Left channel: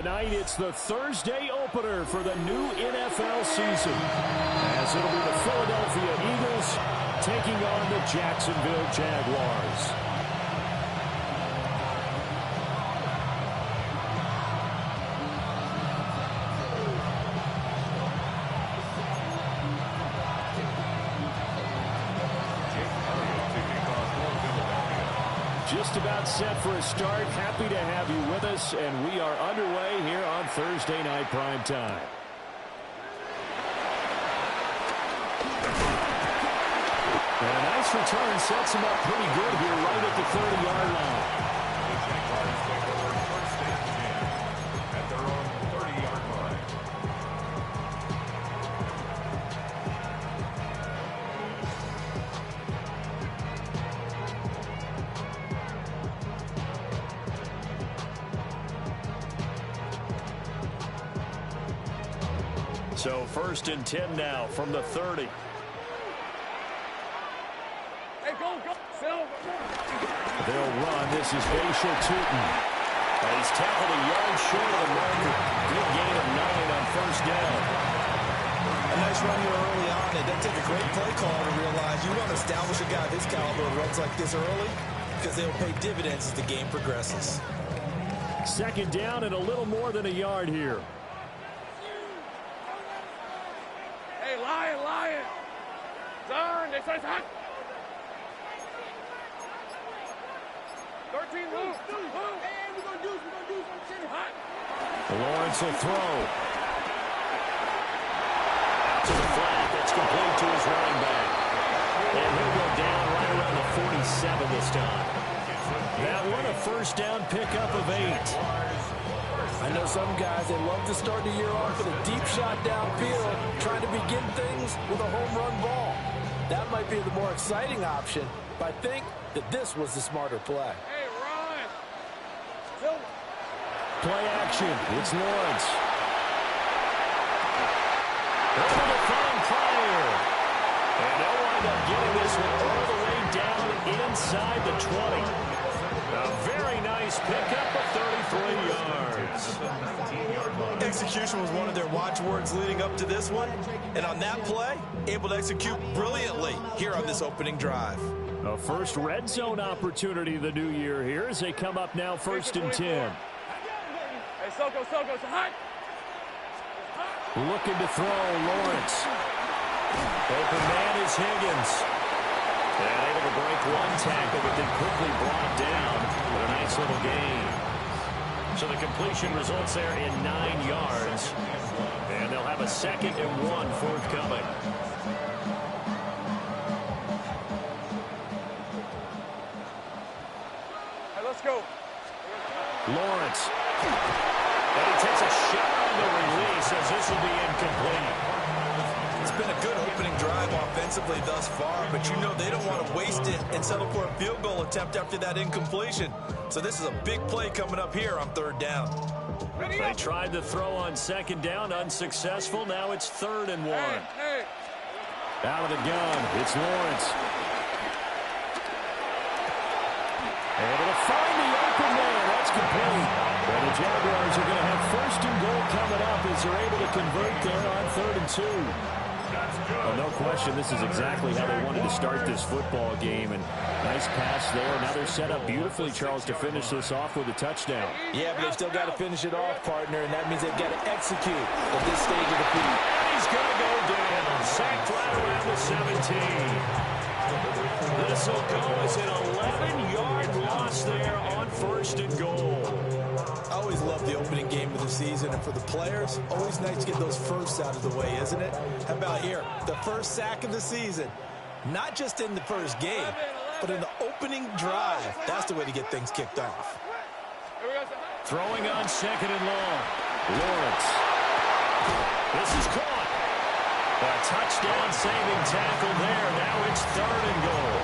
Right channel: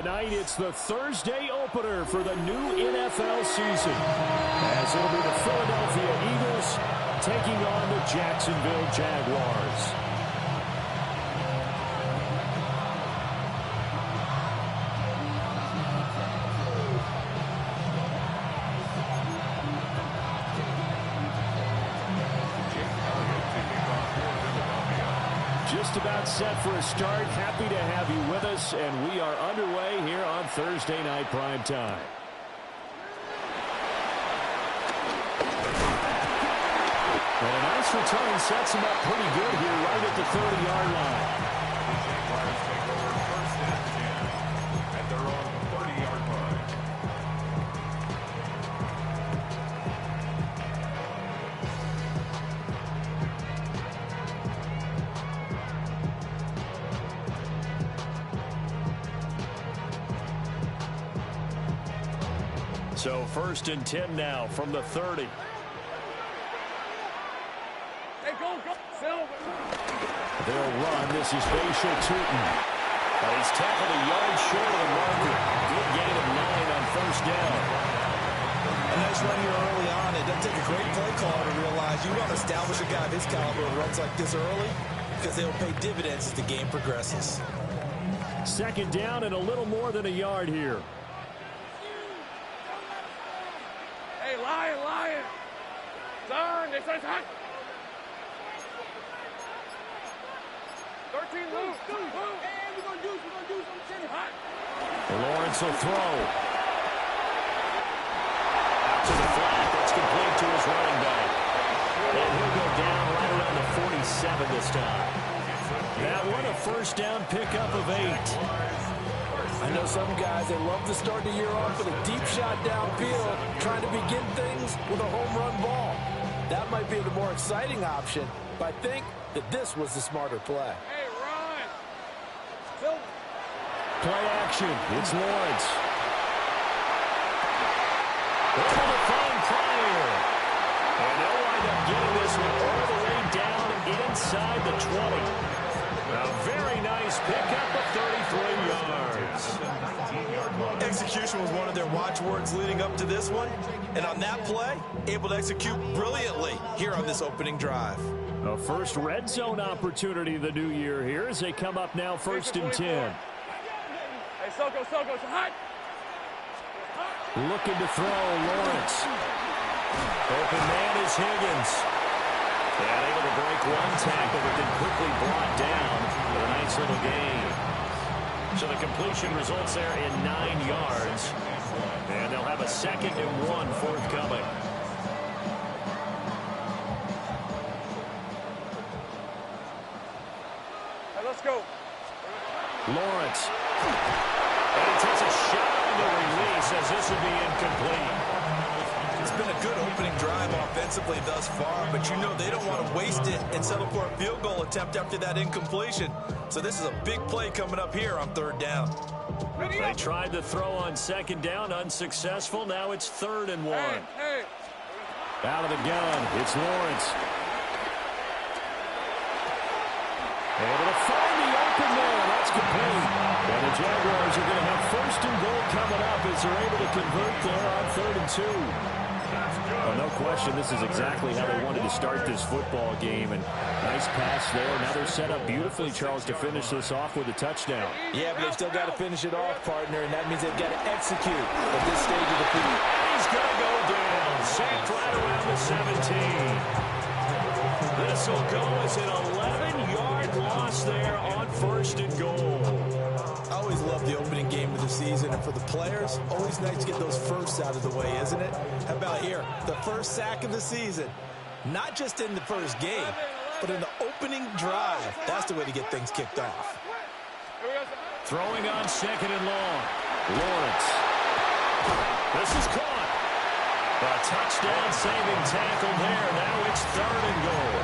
Tonight, it's the Thursday opener for the new NFL season, as it'll be the Philadelphia Eagles taking on the Jacksonville Jaguars. Just about set for a start. Happy to have you with us, and we are underway here on Thursday Night Prime Time. And a nice return sets him up pretty good here right at the 30-yard line. The Jaguars take over first and 10 at their own 30-yard line. So first and 10 now from the 30. Hey, go, Silver. They'll run. This is Bashal Tootin. He's tackled a yard short of the marker. Good gain of 9 on first down. A nice run here early on. It doesn't take a great play caller to realize you want to establish a guy of his caliber who runs like this early, because they'll pay dividends as the game progresses. Second down and a little more than a yard here. Hey, Lion. Turn. They say it's hot. 13, move. Hey, we're going to do something hot. Lawrence will throw. Out to the flat. That's complete to his running back. And he'll go down right around the 47 this time. That one a first down pickup of 8. I know some guys, they love to start the year off with a deep shot downfield, trying to begin things with a home run ball. That might be the more exciting option, but I think that this was the smarter play. Hey, Ron. Silver. Play action. It's Lawrence. Able to find Pryor. And they'll wind up getting this one all the way down inside the 20. A very nice pickup of 33 yards. Execution was one of their watchwords leading up to this one. And on that play, able to execute brilliantly here on this opening drive. A first red zone opportunity the new year here as they come up now first and 10. Hey, Soko, it's hot. Looking to throw, Lawrence. Open man is Higgins. And able to break one tackle, but then quickly brought down. But a nice little gain. So the completion results there in 9 yards. And they'll have a 2nd and 1 forthcoming. Hey, let's go. Lawrence. And he takes a shot on the release as this will be incomplete. It's been a good opening drive offensively thus far, but you know they don't want to waste it and settle for a field goal attempt after that incompletion. So this is a big play coming up here on 3rd down. They tried to throw on 2nd down, unsuccessful. Now it's 3rd and 1. Hey. Out of the gun, it's Lawrence. Able to find the open man. That's complete. And the Jaguars are going to have 1st and goal coming up as they're able to convert there on 3rd and 2. Well, no question, this is exactly how they wanted to start this football game. And nice pass there. Now they're set up beautifully, Charles, to finish this off with a touchdown. Yeah, but they've still got to finish it off, partner, and that means they've got to execute at this stage of the field. And he's going to go down. Sacked right around the 17. This will go as an 11-yard loss there on 1st and goal. I always love the opening game of the season, and for the players, always nice to get those firsts out of the way, isn't it? How about here, the first sack of the season? Not just in the first game, but in the opening drive. That's the way to get things kicked off. Throwing on 2nd and long. Lawrence. This is caught. A touchdown-saving tackle there. Now it's 3rd and goal.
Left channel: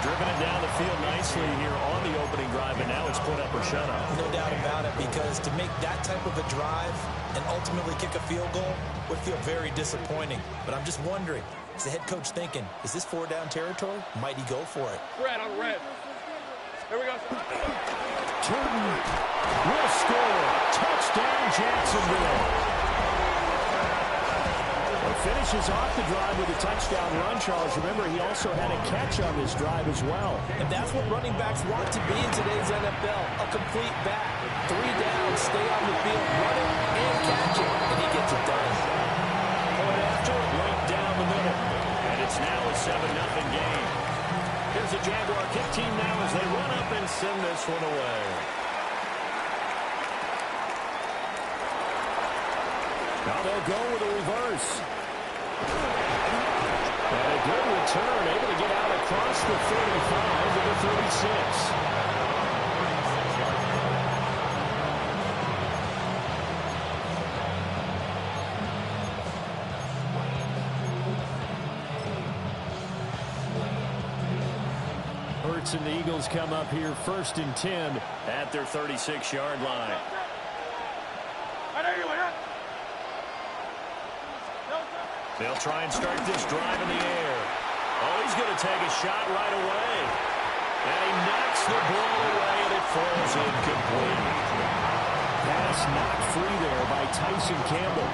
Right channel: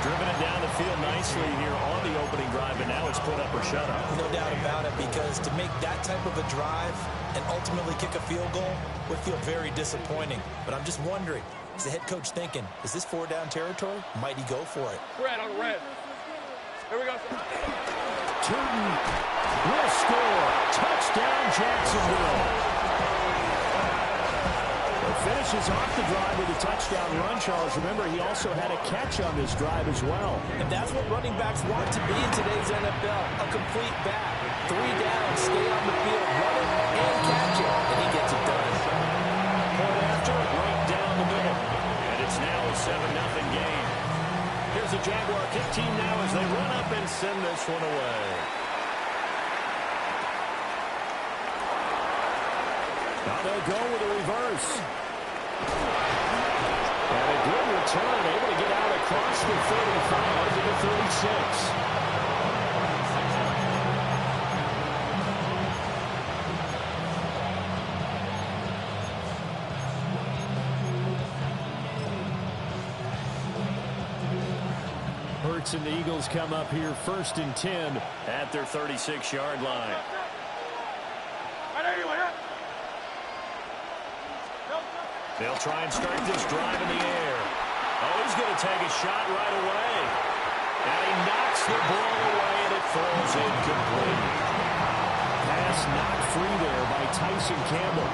Driven it down the field nicely here on the opening drive, and now it's put up or shut up. No doubt about it, because to make that type of a drive and ultimately kick a field goal would feel very disappointing. But I'm just wondering, is the head coach thinking, is this 4-down territory? Might he go for it? Red on red. Here we go, sir. Turton will score. Touchdown, Jacksonville. Finishes off the drive with a touchdown run, Charles. Remember, he also had a catch on this drive as well. And that's what running backs want to be in today's NFL, a complete back. 3 down, stay on the field, run it, and catch it, and he gets it done. Point after, right down the middle. And it's now a 7-0 game. Here's the Jaguar kick team now as they run up and send this one away. Now they'll go with a reverse. And a good return, able to get out across the 35 to the 36. Hurts and the Eagles come up here 1st and 10 at their 36-yard line. They'll try and start this drive in the air. Oh, he's going to take a shot right away. And he knocks the ball away, and it falls incomplete. Pass knocked free there by Tyson Campbell.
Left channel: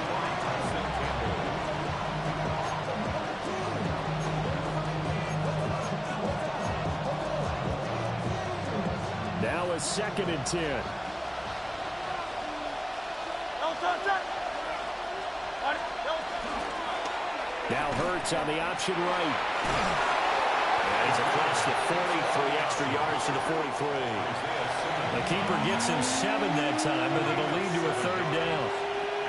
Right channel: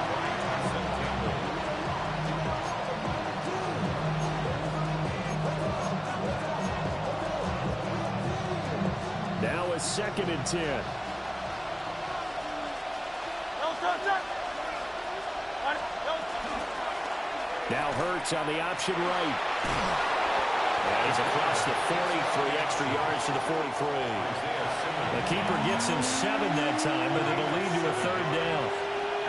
Now a 2nd and 10. Now Hurts on the option right. And he's across the 40, 3 extra yards to the 43. The keeper gets him 7 that time, but it'll lead to a 3rd down.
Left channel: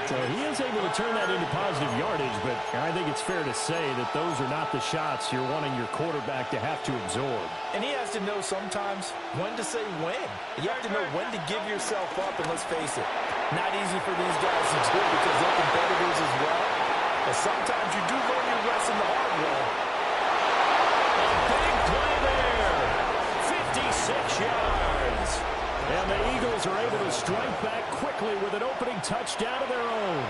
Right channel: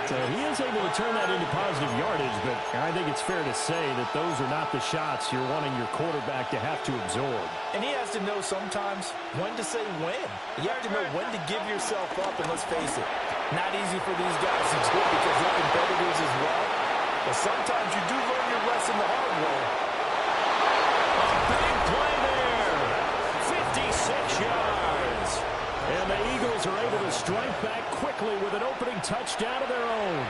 So he is able to turn that into positive yardage, but I think it's fair to say that those are not the shots you're wanting your quarterback to have to absorb. And he has to know sometimes when to say when. You have to know when to give yourself up, and let's face it, not easy for these guys to do because they're competitors as well. But sometimes you do learn your lesson the hard way. A big play there. 56 yards. And the Eagles are able to strike back quickly with an opening touchdown of their own.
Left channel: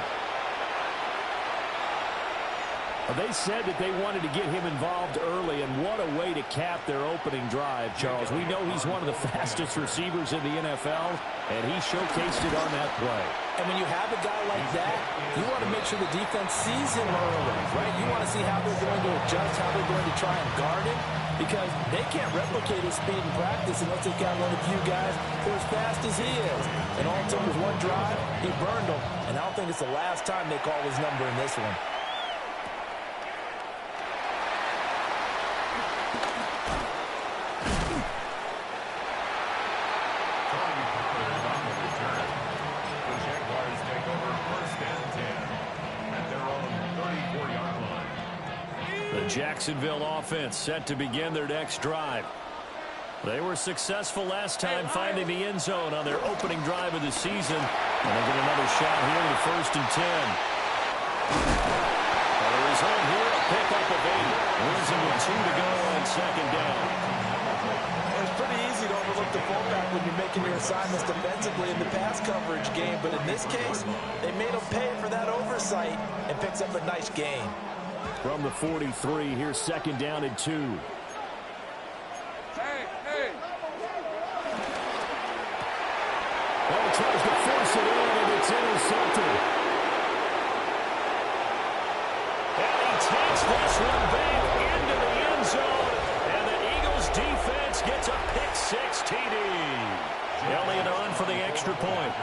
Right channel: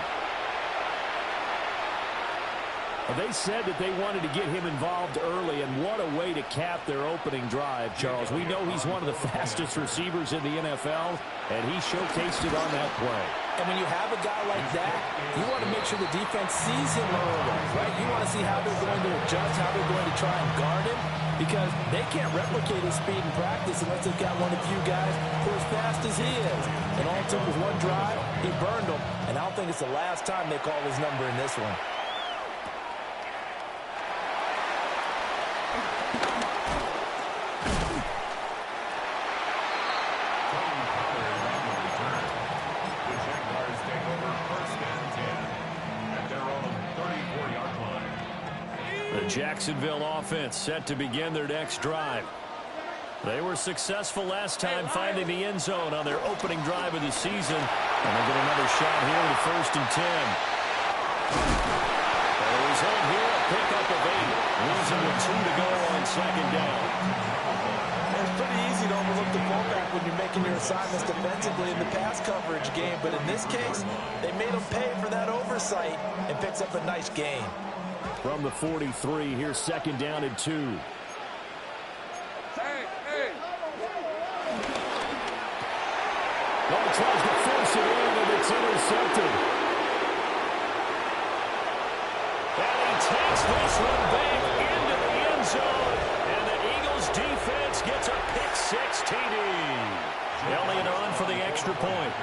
They said that they wanted to get him involved early, and what a way to cap their opening drive, Charles. We know he's one of the fastest receivers in the NFL, and he showcased it on that play. And when you have a guy like that, you want to make sure the defense sees him early, right? You want to see how they're going to adjust, how they're going to try and guard him, because they can't replicate his speed in practice unless they've got one of the few guys who are as fast as he is. And all it took was one drive, he burned them, and I don't think it's the last time they call his number in this one. Jacksonville offense set to begin their next drive. They were successful last time finding the end zone on their opening drive of the season. And they'll get another shot here with 1st and 10. And the result here, a pickup of 8. Losing with 2 to go on 2nd down. It's pretty easy to overlook the fullback when you're making your assignments defensively in the pass coverage game. But in this case, they made him pay for that oversight and picks up a nice gain. From the 43, here's 2nd down and 2. Hey. Well, he tries to force it in, and it's intercepted. And he takes this one back into the end zone, and the Eagles defense gets a pick-6 TD. Elliott on for the extra point.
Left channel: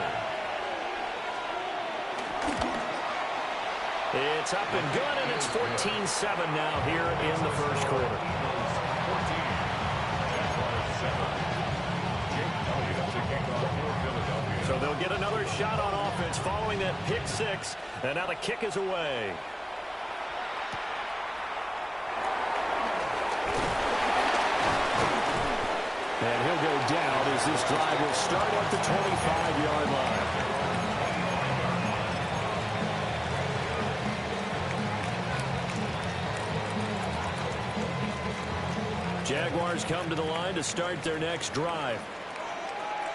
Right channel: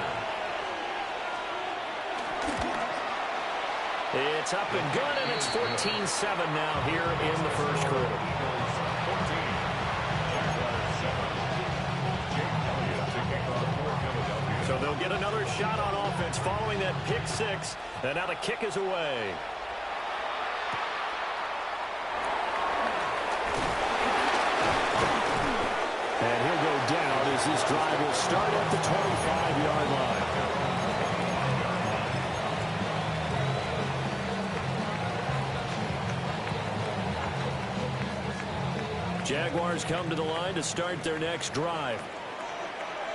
It's up and good, and it's 14-7 now here in the first quarter. 14. Jaguars 7. Jake Elliott to kick off for Philadelphia. So they'll get another shot on offense following that pick-6, and now the kick is away. And he'll go down as this drive will start at the 25-yard line. Jaguars come to the line to start their next drive.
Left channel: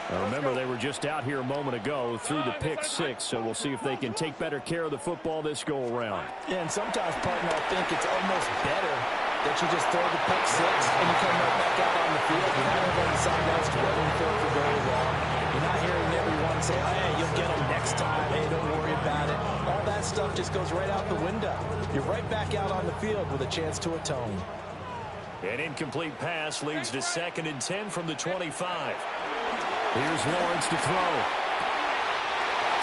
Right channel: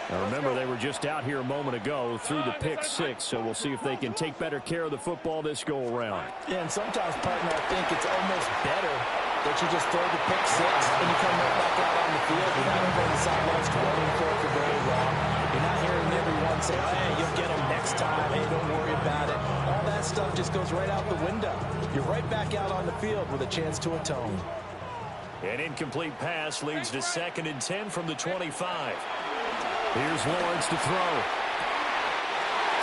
Now remember, they were just out here a moment ago through the pick-6, so we'll see if they can take better care of the football this go-around. Yeah, and sometimes, partner, I think it's almost better that you just throw the pick six and you come right back out on the field. You're not over on the sidelines dwelling for it for very long. You're not hearing everyone say, hey, you'll get them next time. Hey, don't worry about it. All that stuff just goes right out the window. You're right back out on the field with a chance to atone. An incomplete pass leads to 2nd and 10 from the 25. Here's Lawrence to throw.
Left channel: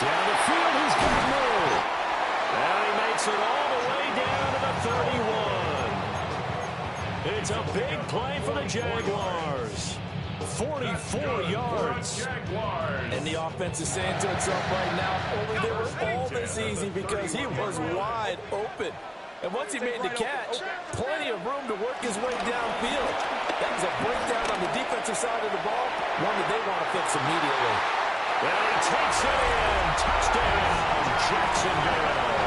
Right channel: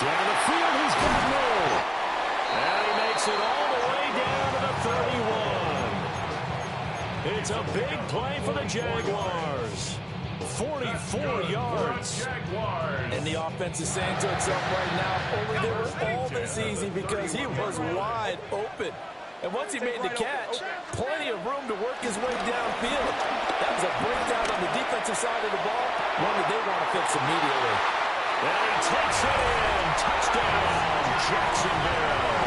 Down the field, he's got no. And he makes it all the way down to the 31. It's a big play for the Jaguars. 44 yards. And the offense is saying to itself right now, only they were all this easy because he was wide open. And once he made the catch, plenty of room to work his way downfield. That was a breakdown on the defensive side of the ball, one that they want to fix immediately. And he takes it in. Touchdown, Jacksonville.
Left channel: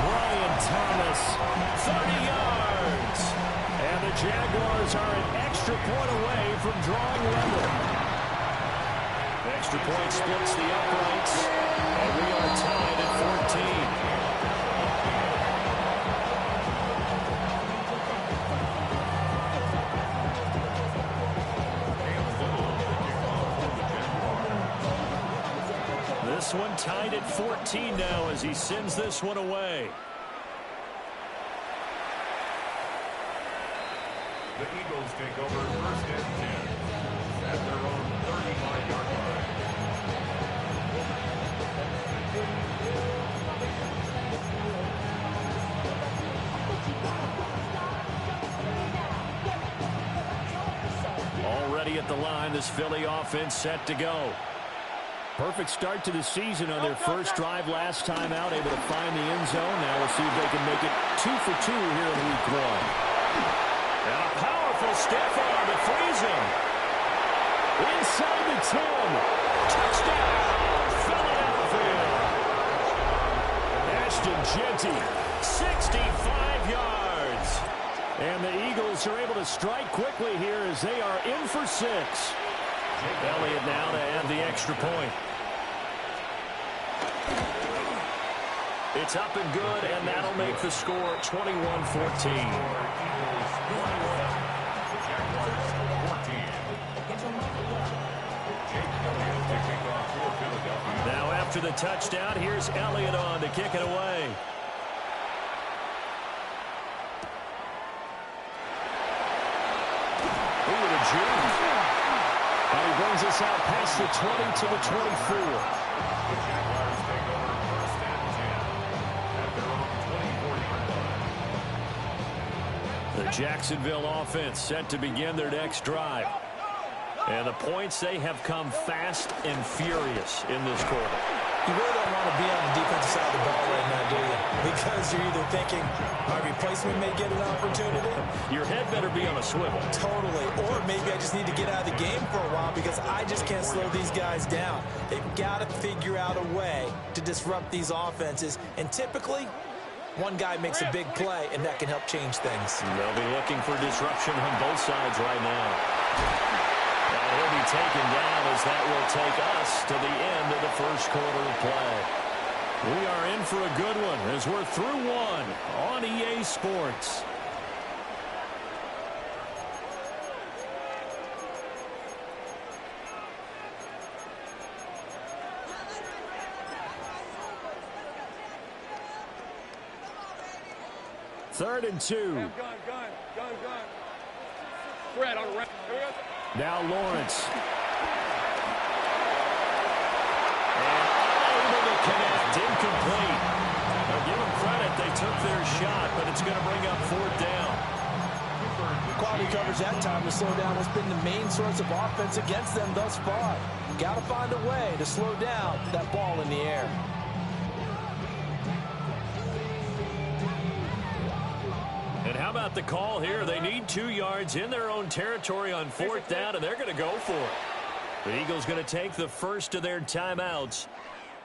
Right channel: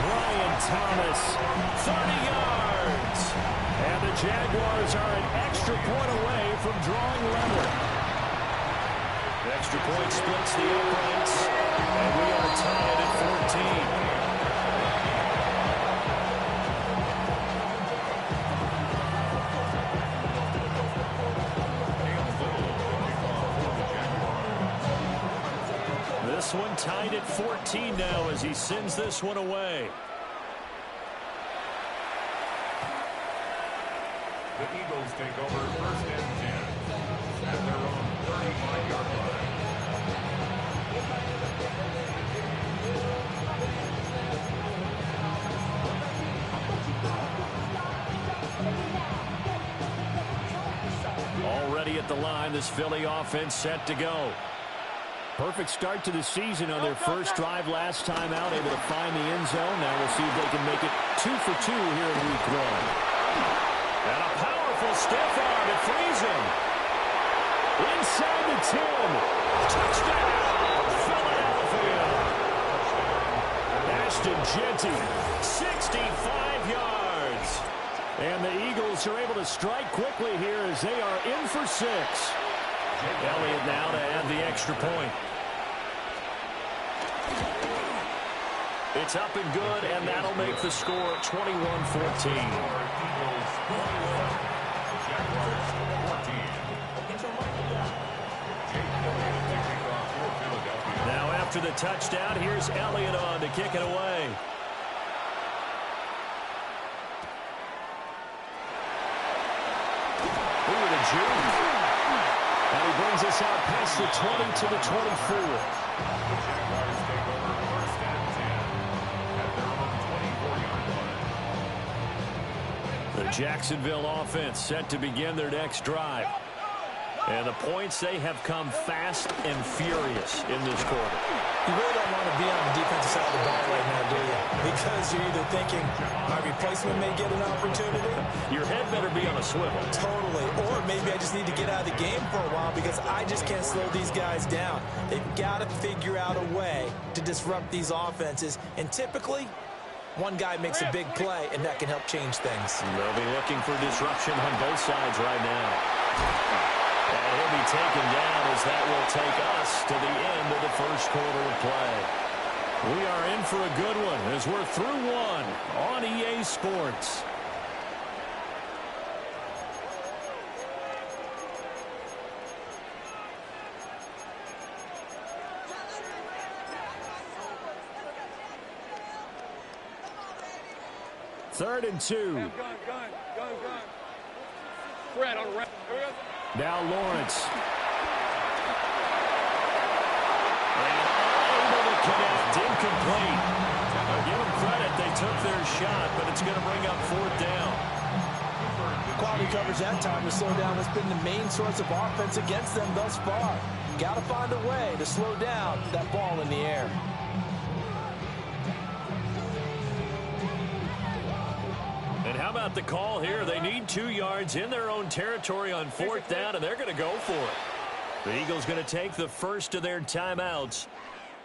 Brian Thomas, 30 yards. And the Jaguars are an extra point away from drawing level. The extra point splits the uprights, and we are tied at 14. This one tied at 14 now as he sends this one away. The Eagles take over 1st and 10 at their own 35-yard line. Already at the line, this Philly offense set to go. Perfect start to the season on their first drive last time out, able to find the end zone. Now we'll see if they can make it 2 for 2 here in week 1. And a powerful stiff arm. It frees him. Inside the 10. Touchdown, Philadelphia. Ashton Jeanty, 65 yards. And the Eagles are able to strike quickly here as they are in for 6. Elliott now to add the extra point. It's up and good, and that'll make the score 21-14. Now after the touchdown, here's Elliott on to kick it away. Look at the juke. And he brings us out past the 20 to the 24. The Jaguars take over 1st and 10 at their own 24-yard line. The Jacksonville offense set to begin their next drive. And the points, they have come fast and furious in this quarter. You really don't want to be on the defensive side of the ball right now, do you? Because you're either thinking, my replacement may get an opportunity. Your head better be on a swivel. Totally. Or maybe I just need to get out of the game for a while because I just can't slow these guys down. They've got to figure out a way to disrupt these offenses. And typically, one guy makes a big play, and that can help change things. They'll be looking for disruption on both sides right now. And he'll be taken down as that will take us to the end of the first quarter of play. We are in for a good one as we're through one on EA Sports. Third and 2. Gun. Fred on the right. Now Lawrence. And unable to connect. Incomplete. Now give them credit. They took their shot, but it's going to bring up 4th down. Quality coverage that time to slow down has been the main source of offense against them thus far. Got to find a way to slow down that ball in the air. And how about the call here? They need 2 yards in their own territory on 4th down, and they're going to go for it. The Eagles going to take the first of their timeouts.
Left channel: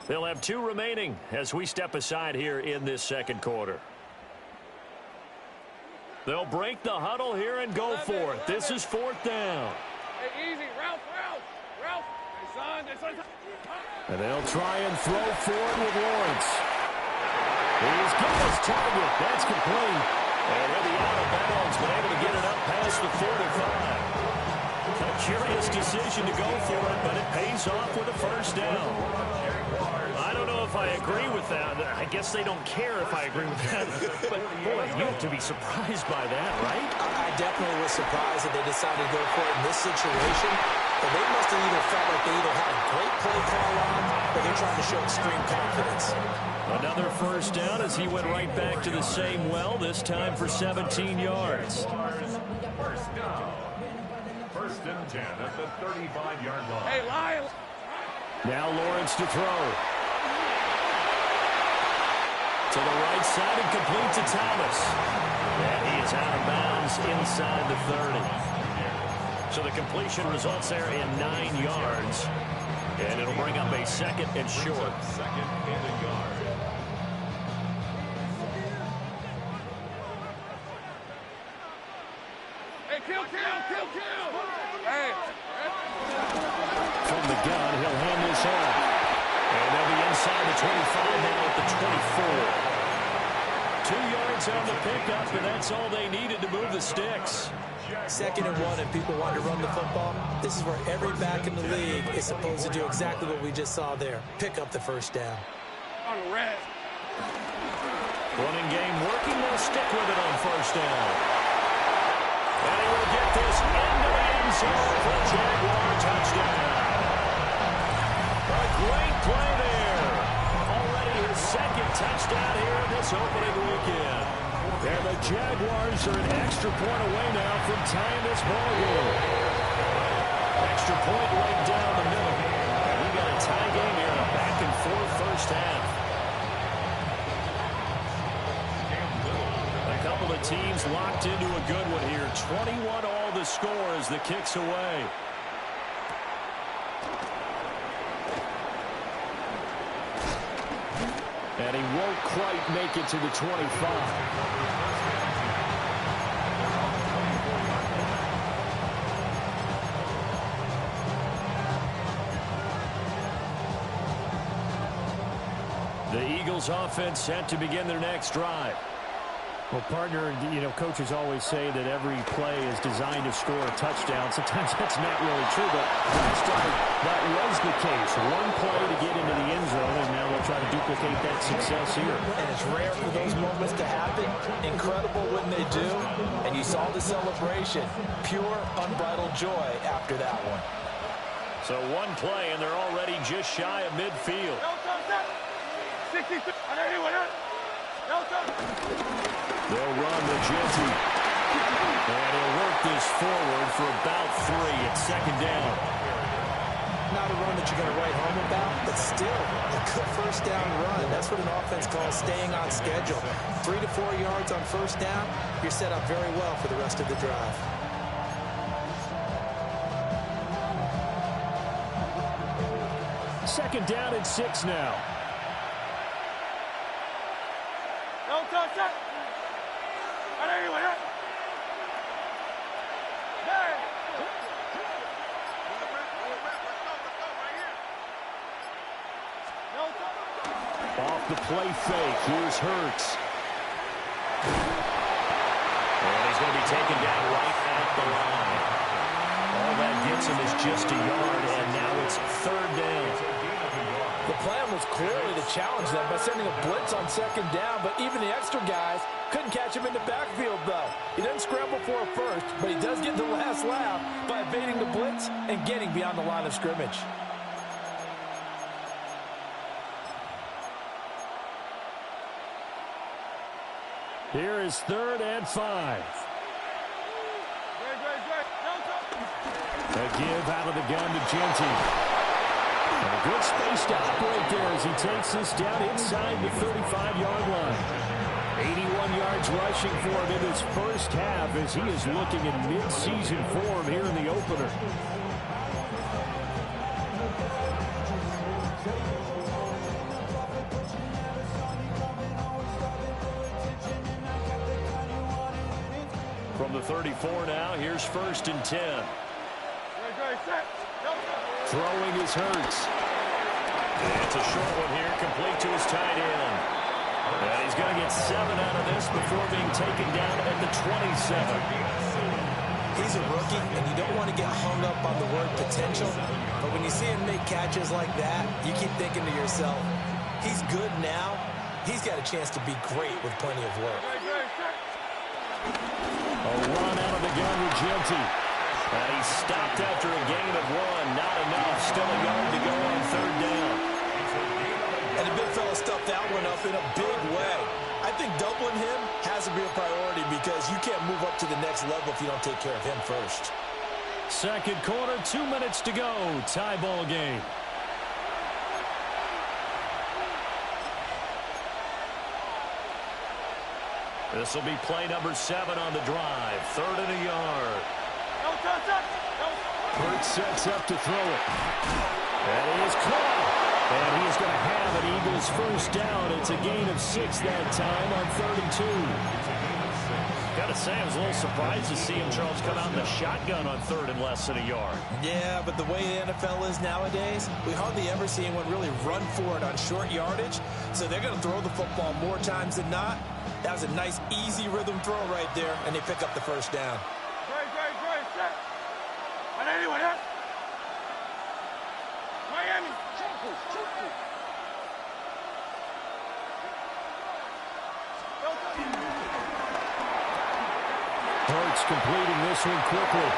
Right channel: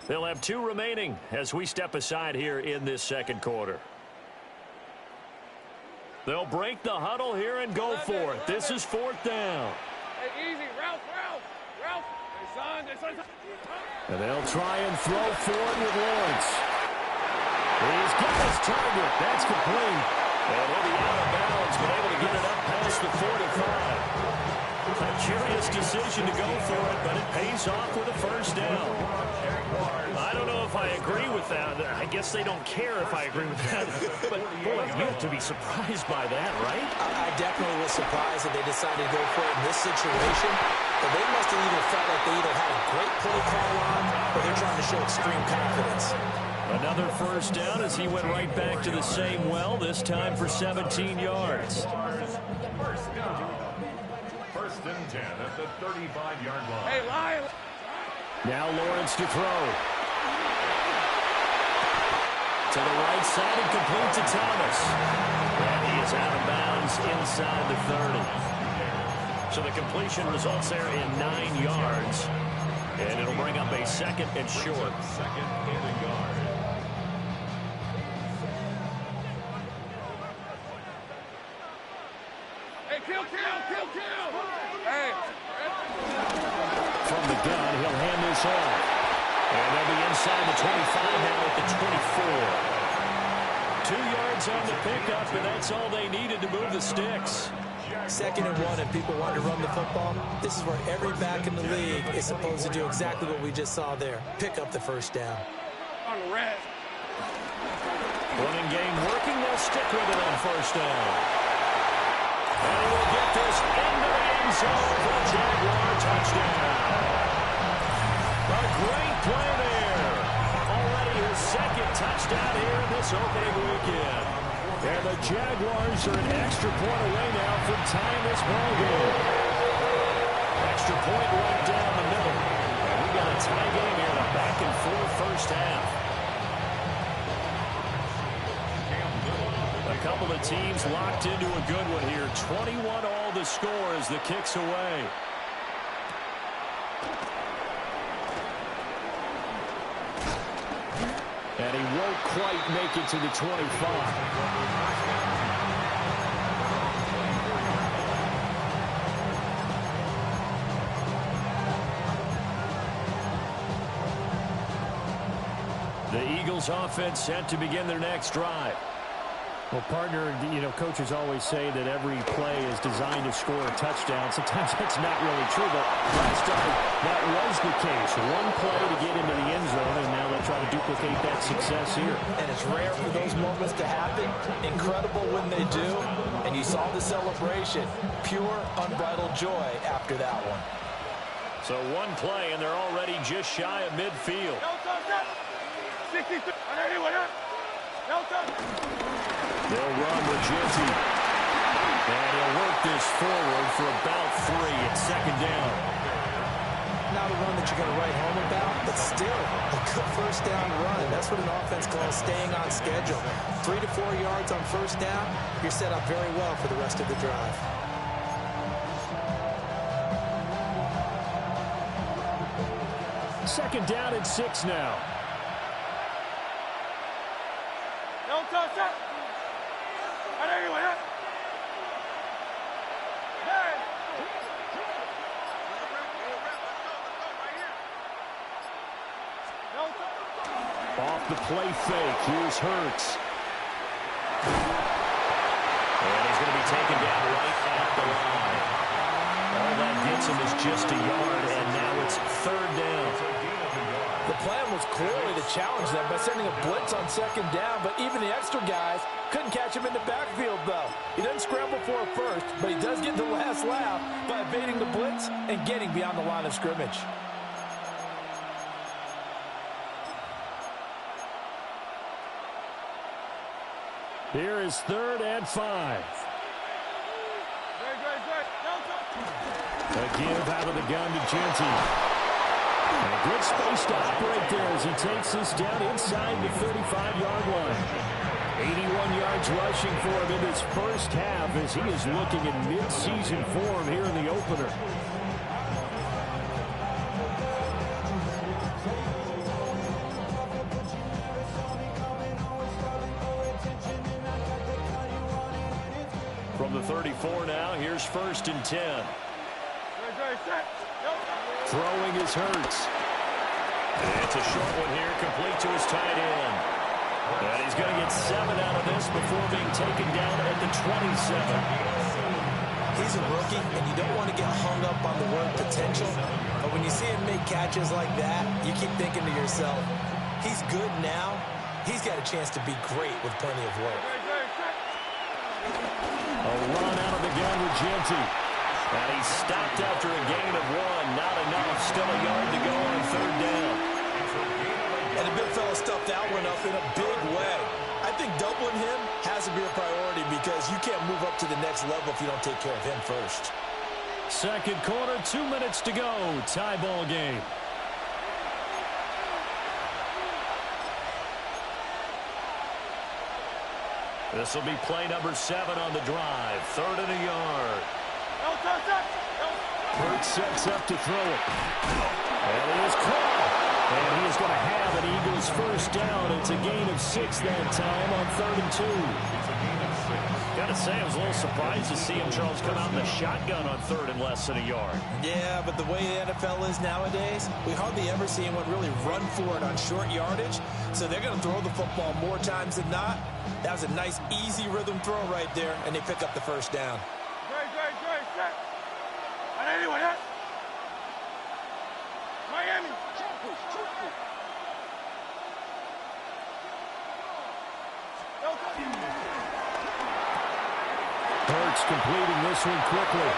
They'll have 2 remaining as we step aside here in this second quarter. They'll break the huddle here and go for it. This is 4th down. Hey, easy. Ralph. Hey, son. And they'll try and throw for it with Lawrence. He's got his target. That's complete. And he'll be out of bounds, but able to get it up past the 45. A curious decision to go for it, but it pays off with a first down. I don't know if I agree with that. I guess they don't care if I agree with that. But, boy, you have to be surprised by that, right? I definitely was surprised that they decided to go for it in this situation. But they must have either felt like they either had a great play call on or they're trying to show extreme confidence. Another first down as he went right back to the same well, this time for 17 yards. First down. First and 10 at the 35-yard line. Hey, Lion. Now Lawrence to throw. To the right side and complete to Thomas. And he is out of bounds inside the 30. So the completion results there in 9 yards. And it'll bring up a second and short. Second and a yard. Hey, kill. Hey. From the gun, he'll hand this off. And they'll be inside the 25 now at the 24. 2 yards on the pickup, and that's all they needed to move the sticks. Second and 1, and people want to run the football. This is where every back in the league is supposed to do exactly what we just saw there. Pick up the first down. On the red. Running game working. They'll stick with it on first down. And he will get this into the end zone for a Jaguar touchdown. A great play there. Already his second touchdown here in this opening weekend. And the Jaguars are an extra point away now from tying this ball game. Extra point right down the middle. And we got a tie game here in a back-and-forth first half. A couple of teams locked into a good one here. 21 all the score as the kick's away. And he won't quite make it to the 25. The Eagles offense set to begin their next drive. Well, partner, you know, coaches always say that every play is designed to score a touchdown. Sometimes that's not really true, but last time that was the case. One play to get into the end zone, and now they'll try to duplicate that success here. And it's rare for those moments to happen. Incredible when they do. And you saw the celebration. Pure, unbridled joy after that one. So one play, and they're already just shy of midfield. 63. They'll run with Genty. And he'll work this forward for about 3 at second down. Not a run that you're going to write home about, but still a good first down run. That's what an offense calls staying on schedule. 3 to 4 yards on first down, you're set up very well for the rest of the drive. Second down and 6 now. Off the play fake, here's Hurts. And he's going to be taken down right at the line. All that gets him is just a yard, and now it's third down. The plan was clearly to challenge them by sending a blitz on second down, but even the extra guys couldn't catch him in the backfield, though. He doesn't scramble for a first, but he does get the last laugh by evading the blitz and getting beyond the line of scrimmage. Here is 3rd and 5. A give out of the gun to Genty. And a good space to operate there as he takes this down inside the 35-yard line. 81 yards rushing for him in his first half as he is looking in mid-season form here in the opener. From the 34 now, here's 1st and 10. Throwing is Hurts. It's a short one here, complete to his tight end. And he's going to get 7 out of this before being taken down at the 27. He's a rookie, and you don't want to get hung up on the word potential. But when you see him make catches like that, you keep thinking to yourself, he's good now. He's got a chance to be great with plenty of work. A run out of the gun with Genty. And he stopped after a gain of 1. Not enough. Still a yard to go on 3rd down. And the big fella stuffed that one up in a big way. I think doubling him has to be a priority because you can't move up to the next level if you don't take care of him first. Second quarter, 2 minutes to go. Tie ball game. This will be play number 7 on the drive. 3rd and a yard. Hurt sets up to throw it. And he is caught. And he is going to have an Eagles first down. It's a gain of 6 that time on 3rd and 2. It's a gain of 6. Got to say, I was a little surprised to see him, Charles, come out in the shotgun on 3rd and less than a yard. Yeah, but the way the NFL is nowadays, we hardly ever see anyone really run for it on short yardage. So they're going to throw the football more times than not. That was a nice, easy rhythm throw right there, and they pick up the first down. Miami. Hurts completing this one quickly.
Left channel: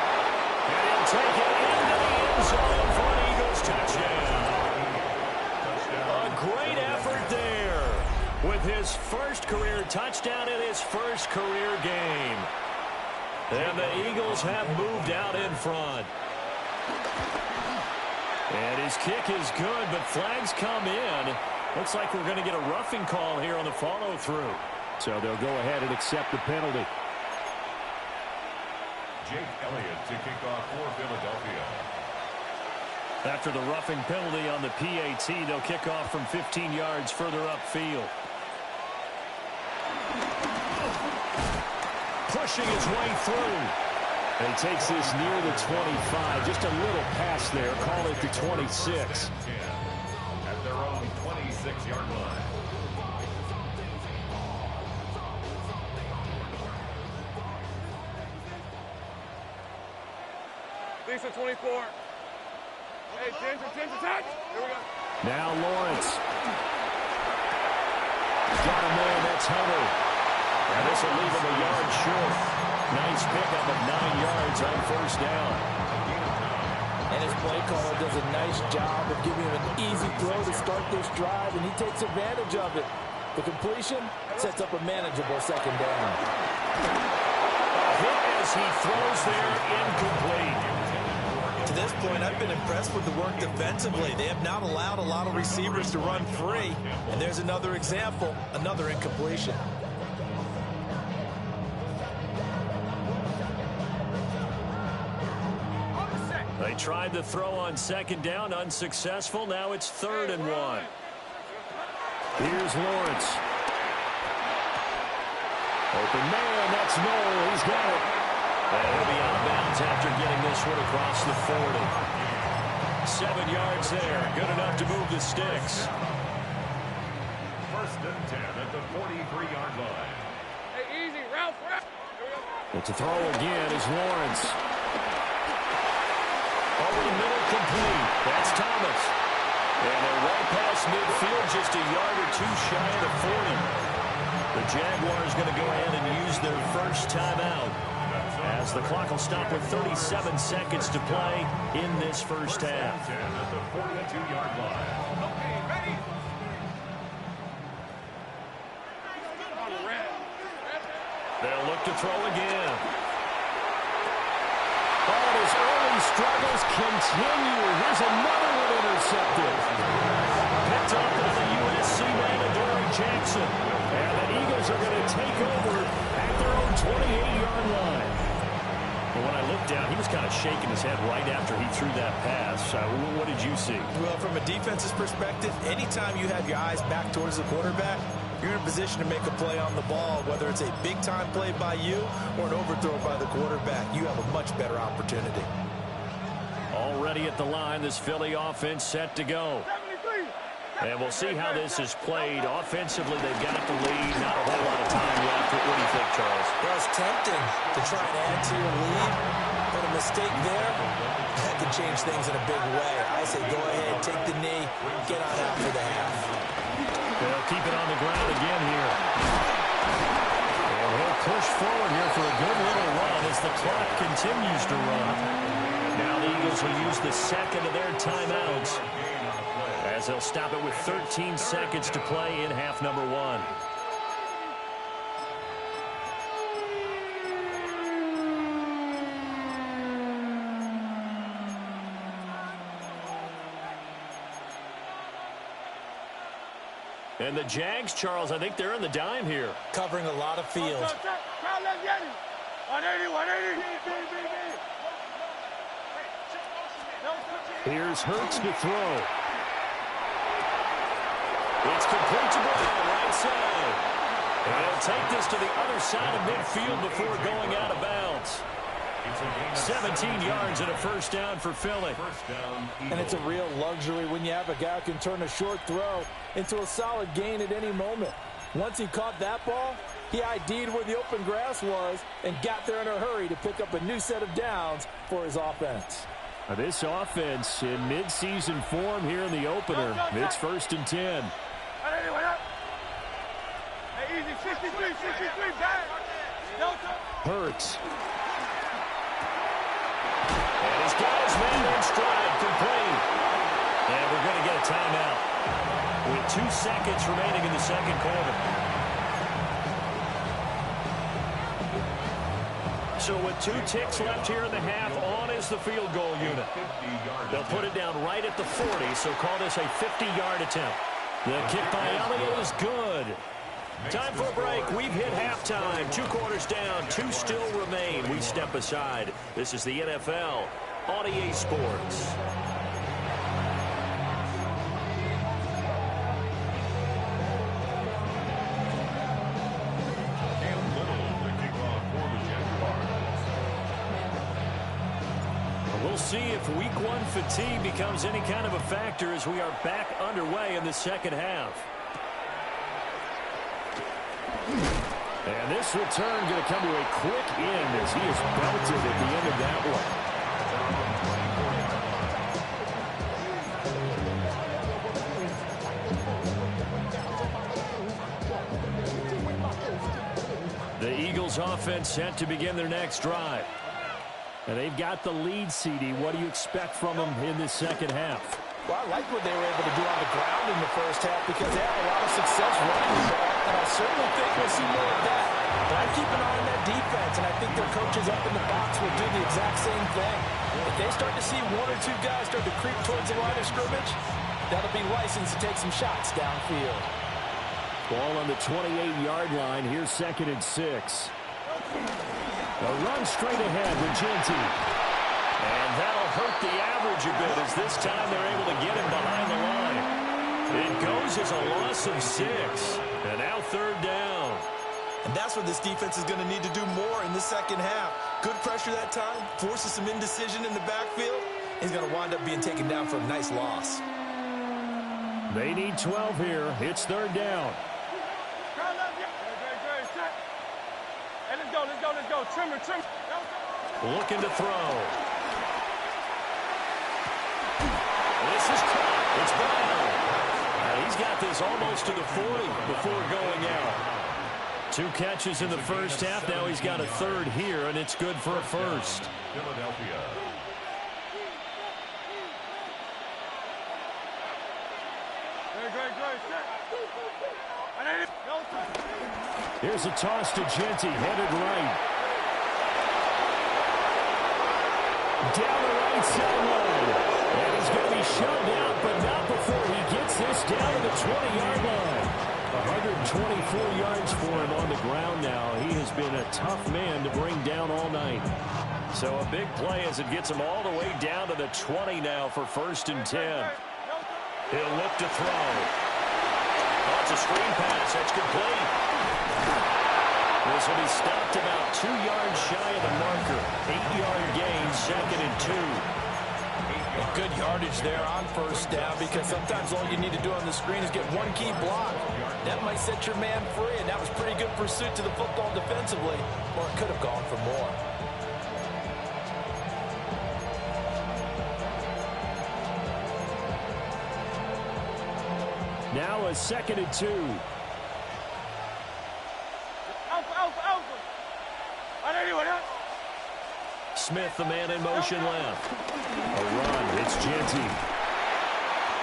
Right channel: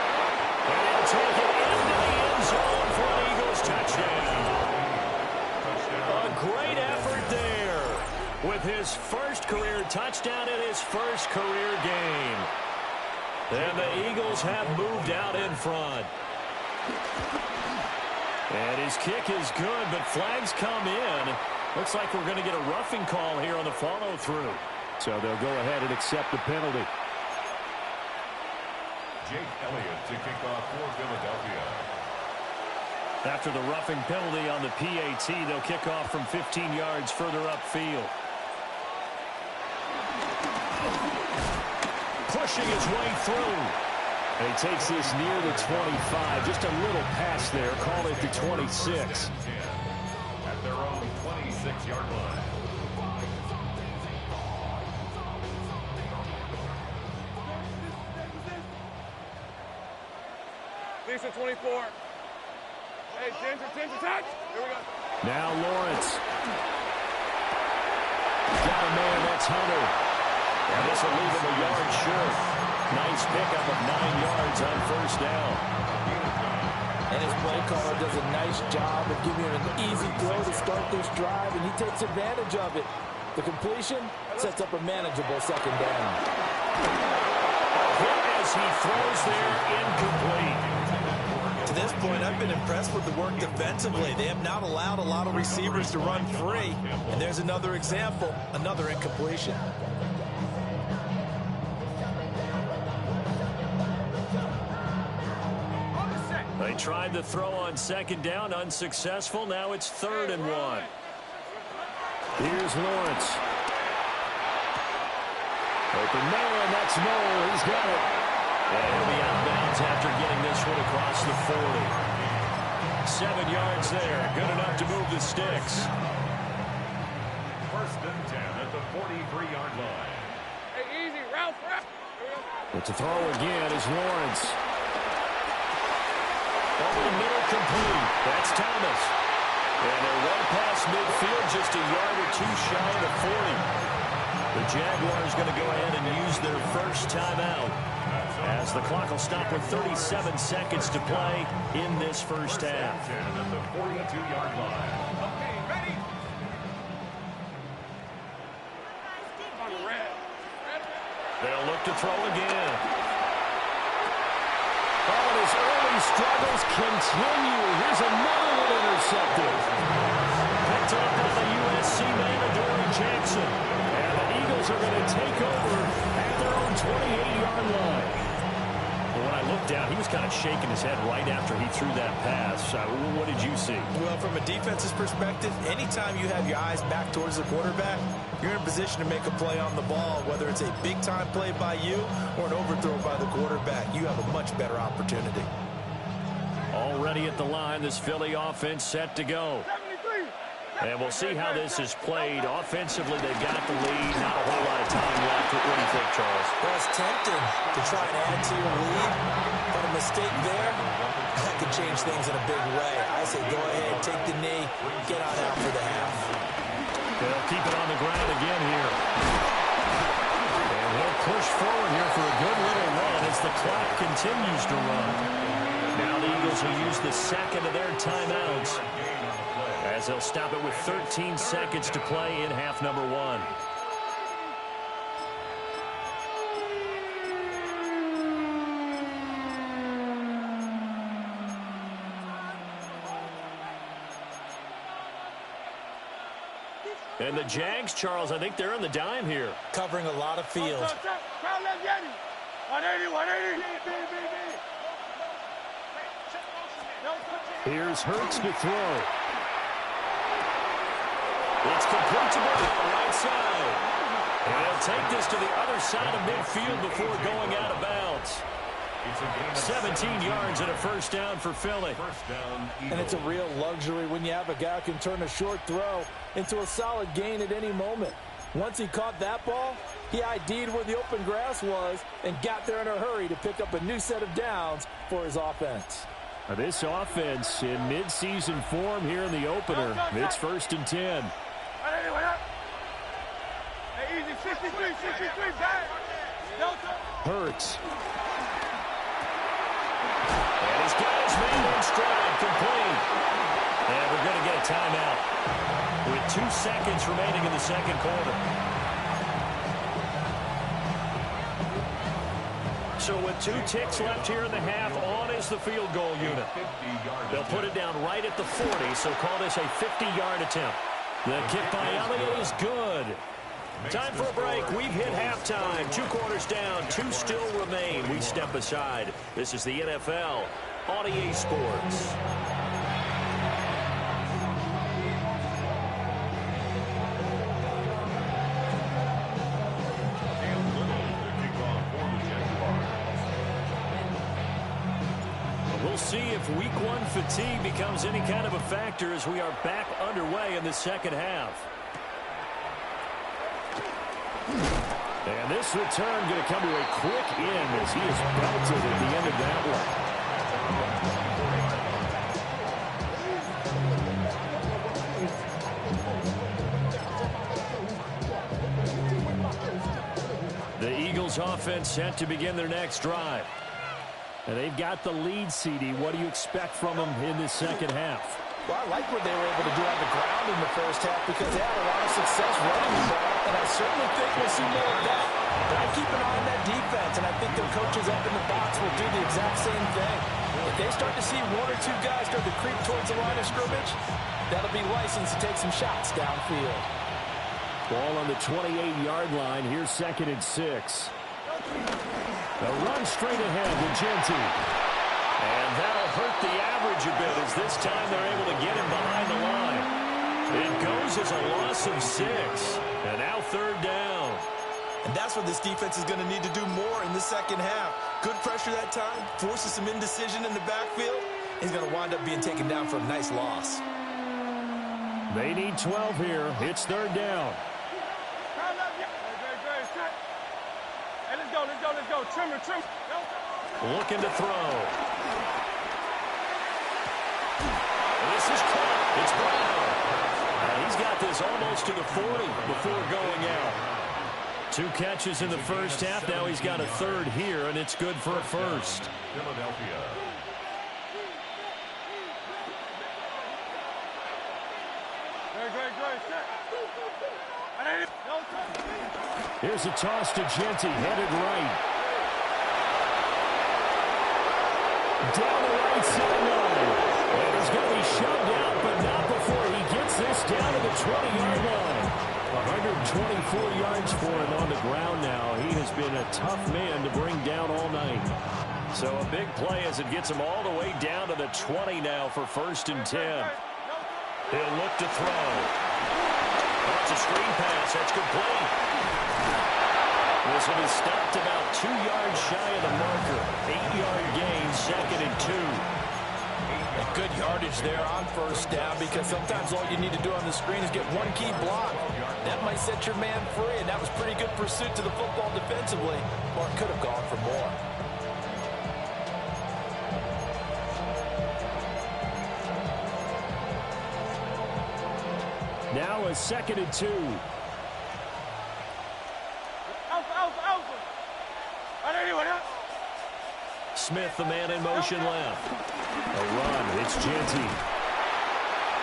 And he'll take it into the end zone for an Eagles touchdown. A great effort there with his first career touchdown in his first career game. And the Eagles have moved out in front. And his kick is good, but flags come in. Looks like we're going to get a roughing call here on the follow-through. So they'll go ahead and accept the penalty. Jake Elliott to kick off for Philadelphia. After the roughing penalty on the PAT, they'll kick off from 15 yards further upfield. Pushing his way through. And he takes this near the 25. Just a little pass there. Call it the 26. At their own 26-yard line. Lisa 24. Hey, Ginger, touch. Here we go. Now Lawrence. Got a man, that's Hunter. And this will leave him a yard short. Nice pickup of 9 yards on first down. And his play caller does a nice job of giving him an easy throw to start this drive, and he takes advantage of it. The completion sets up a manageable second down. A hit as he throws there, incomplete. To this point, I've been impressed with the work defensively. They have not allowed a lot of receivers to run free. And there's another example, another incompletion. They tried the throw on second down, unsuccessful. Now it's 3rd and 1. Here's Lawrence. Open man, that's Noel. He's got it. And he'll be out of bounds after getting this one across the 40. 7 yards there. Good enough to move the sticks. 1st and 10 at the 43-yard line. Hey, easy. Ralph. Here we go. It's a throw again is Lawrence. Over the middle, complete. That's Thomas. And they're well past midfield, just a yard or 2 shy of the 40. The Jaguars going to go ahead and use their first timeout as the clock will stop with 37 seconds to play in this first half. 10 at the 42-yard line. Okay, ready? On red. They'll look to throw again. Oh, and his early struggles continue. Here's another one intercepted. Picked up by the USC man, Adoree Jackson. And the Eagles are going to take over at their own 28-yard line. But when I looked down, he was kind of shaking his head right after he threw that pass. What did you see? Well, from a defense's perspective, anytime you have your eyes back towards the quarterback, you're in a position to make a play on the ball, whether it's a big-time play by you or an overthrow by the quarterback. You have a much better opportunity. Already at the line, this Philly offense set to go. 73. And we'll see how this is played. Offensively, they've got the lead. Not a whole lot of time left. What do you think, Charles? Well, it's tempting to try and add to your lead, but a mistake there, that could change things in a big way. I say go ahead, take the knee, get on out for the half. They'll keep it on the ground again here. And he'll push forward here for a good little run as the clock continues to run. Now the Eagles will use the second of their timeouts, as they'll stop it with 13 seconds to play in half number one. And the Jags, Charles, I think they're on the dime here. Covering a lot of field. 180. Here's Hurts to throw. It's complete to Brown, right side. And he'll take this to the other side of midfield before going out of bounds. 17 yards and a first down for Philly. And it's a real luxury when you have a guy who can turn a short throw into a solid gain at any moment. Once he caught that ball, he ID'd where the open grass was and got there in a hurry to pick up a new set of downs for his offense. This offense in midseason form here in the opener. It's 1st and 10. Hey, easy, 63, back. Hurts. And he's got his man in stride, complete. And we're going to get a timeout with 2 seconds remaining in the second quarter. So with 2 ticks left here in the half, on is the field goal unit. They'll put it down right at the 40, so call this a 50-yard attempt. The kick by Elliott is good. Time for a break. We've hit halftime. 2 quarters down. 2 still remain. We step aside. This is the NFL on EA Sports. We'll see if week 1 fatigue becomes any kind of a factor as we are back underway in the second half. And this return going to come to a quick end as he is belted at the end of that one. The Eagles offense set to begin their next drive. And they've got the lead, CD. What do you expect from them in this second half? Well, I like what they were able to do on the ground in the first half because they had a lot of success running the ball, and I certainly think we'll see more of that. But I keep an eye on that defense, and I think their coaches up in the box will do the exact same thing. If they start to see 1 or 2 guys start to creep towards the line of scrimmage, that'll be license to take some shots downfield. Ball on the 28-yard line. Here's 2nd and 6. The run straight ahead with Genty. And that'll hurt the average a bit as this time they're able to get him behind the line. It goes as a loss of 6. And now 3rd down. And that's what this defense is going to need to do more in the second half. Good pressure that time, forces some indecision in the backfield. He's going to wind up being taken down for a nice loss. They need 12 here. It's 3rd down. Hey, let's go. Trimmer. Looking to throw. This is caught. It's Brown. He's got this almost to the 40 before going out. 2 catches in the first half. Now he's got a 3rd here, and it's good for a first. Philadelphia. Here's a toss to Genty, headed right. Down the right sideline. And he's going to be shoved out, but not before he gets this down to the 20-yard line. 124 yards for him on the ground now. He has been a tough man to bring down all night. So a big play as it gets him all the way down to the 20 now for 1st and 10. He'll look to throw. Oh, it's a screen pass. That's complete. This will be stopped about 2 yards shy of the marker. 8-yard gain, 2nd and 2. And good yardage there on first down, because sometimes all you need to do on the screen is get one key block. That might set your man free, and that was pretty good pursuit to the football defensively, or it could have gone for more. Now a 2nd and 2. Smith, the man in motion left. A run. It's Genty.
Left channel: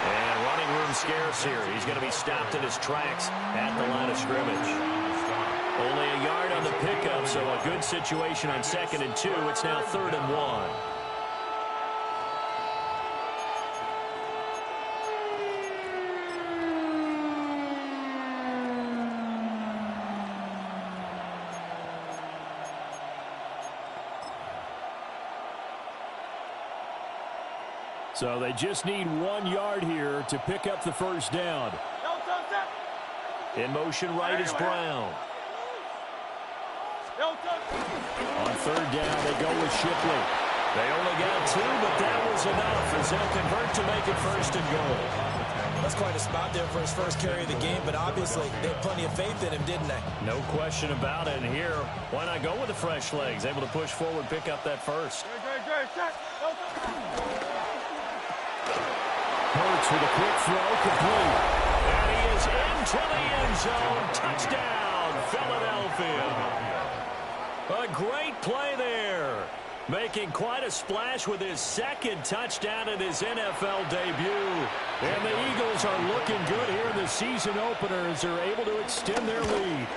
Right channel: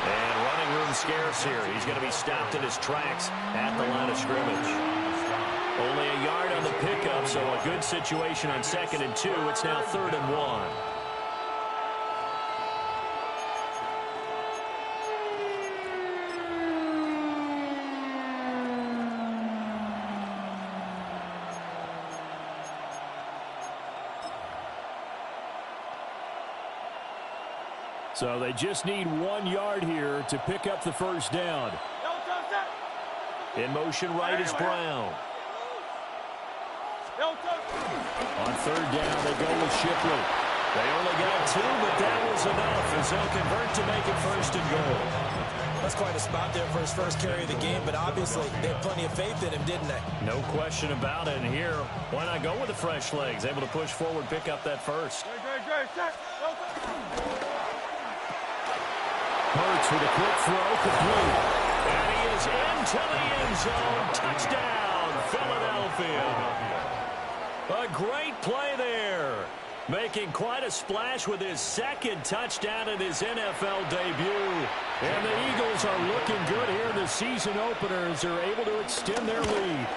And running room scarce here. He's going to be stopped in his tracks at the line of scrimmage. Only a yard on the pickup, so a good situation on 2nd and 2. It's now 3rd and 1. So they just need 1 yard here to pick up the first down. In motion right is Brown. On 3rd down, they go with Shipley. They only got 2, but that was enough as they'll convert to make it 1st and goal. That's quite a spot there for his first carry of the game, but obviously they had plenty of faith in him, didn't they? No question about it. And here, why not go with the fresh legs? Able to push forward, pick up that first. Hurts with a quick throw, complete. And he is into the end zone. Touchdown, Philadelphia. A great play there. Making quite a splash with his 2nd touchdown in his NFL debut. And the Eagles are looking good here in the season opener as they're able to extend their lead.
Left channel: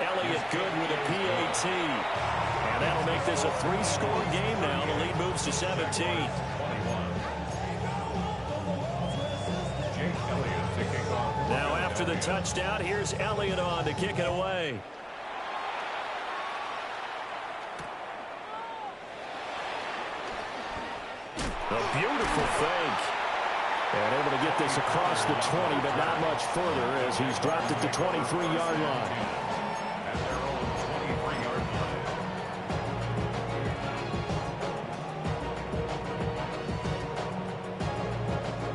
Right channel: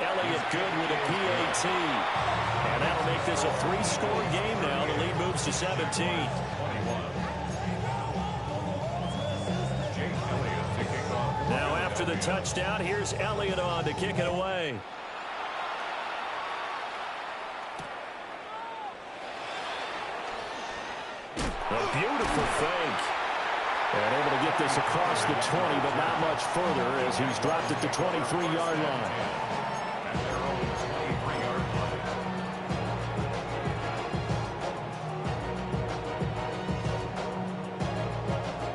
Elliott good with a PAT. And that'll make this a 3-score game now. The lead moves to 17. Now after the touchdown, here's Elliott on to kick it away. A beautiful fake. And able to get this across the 20, but not much further as he's dropped at the 23-yard line. At their own 23-yard line.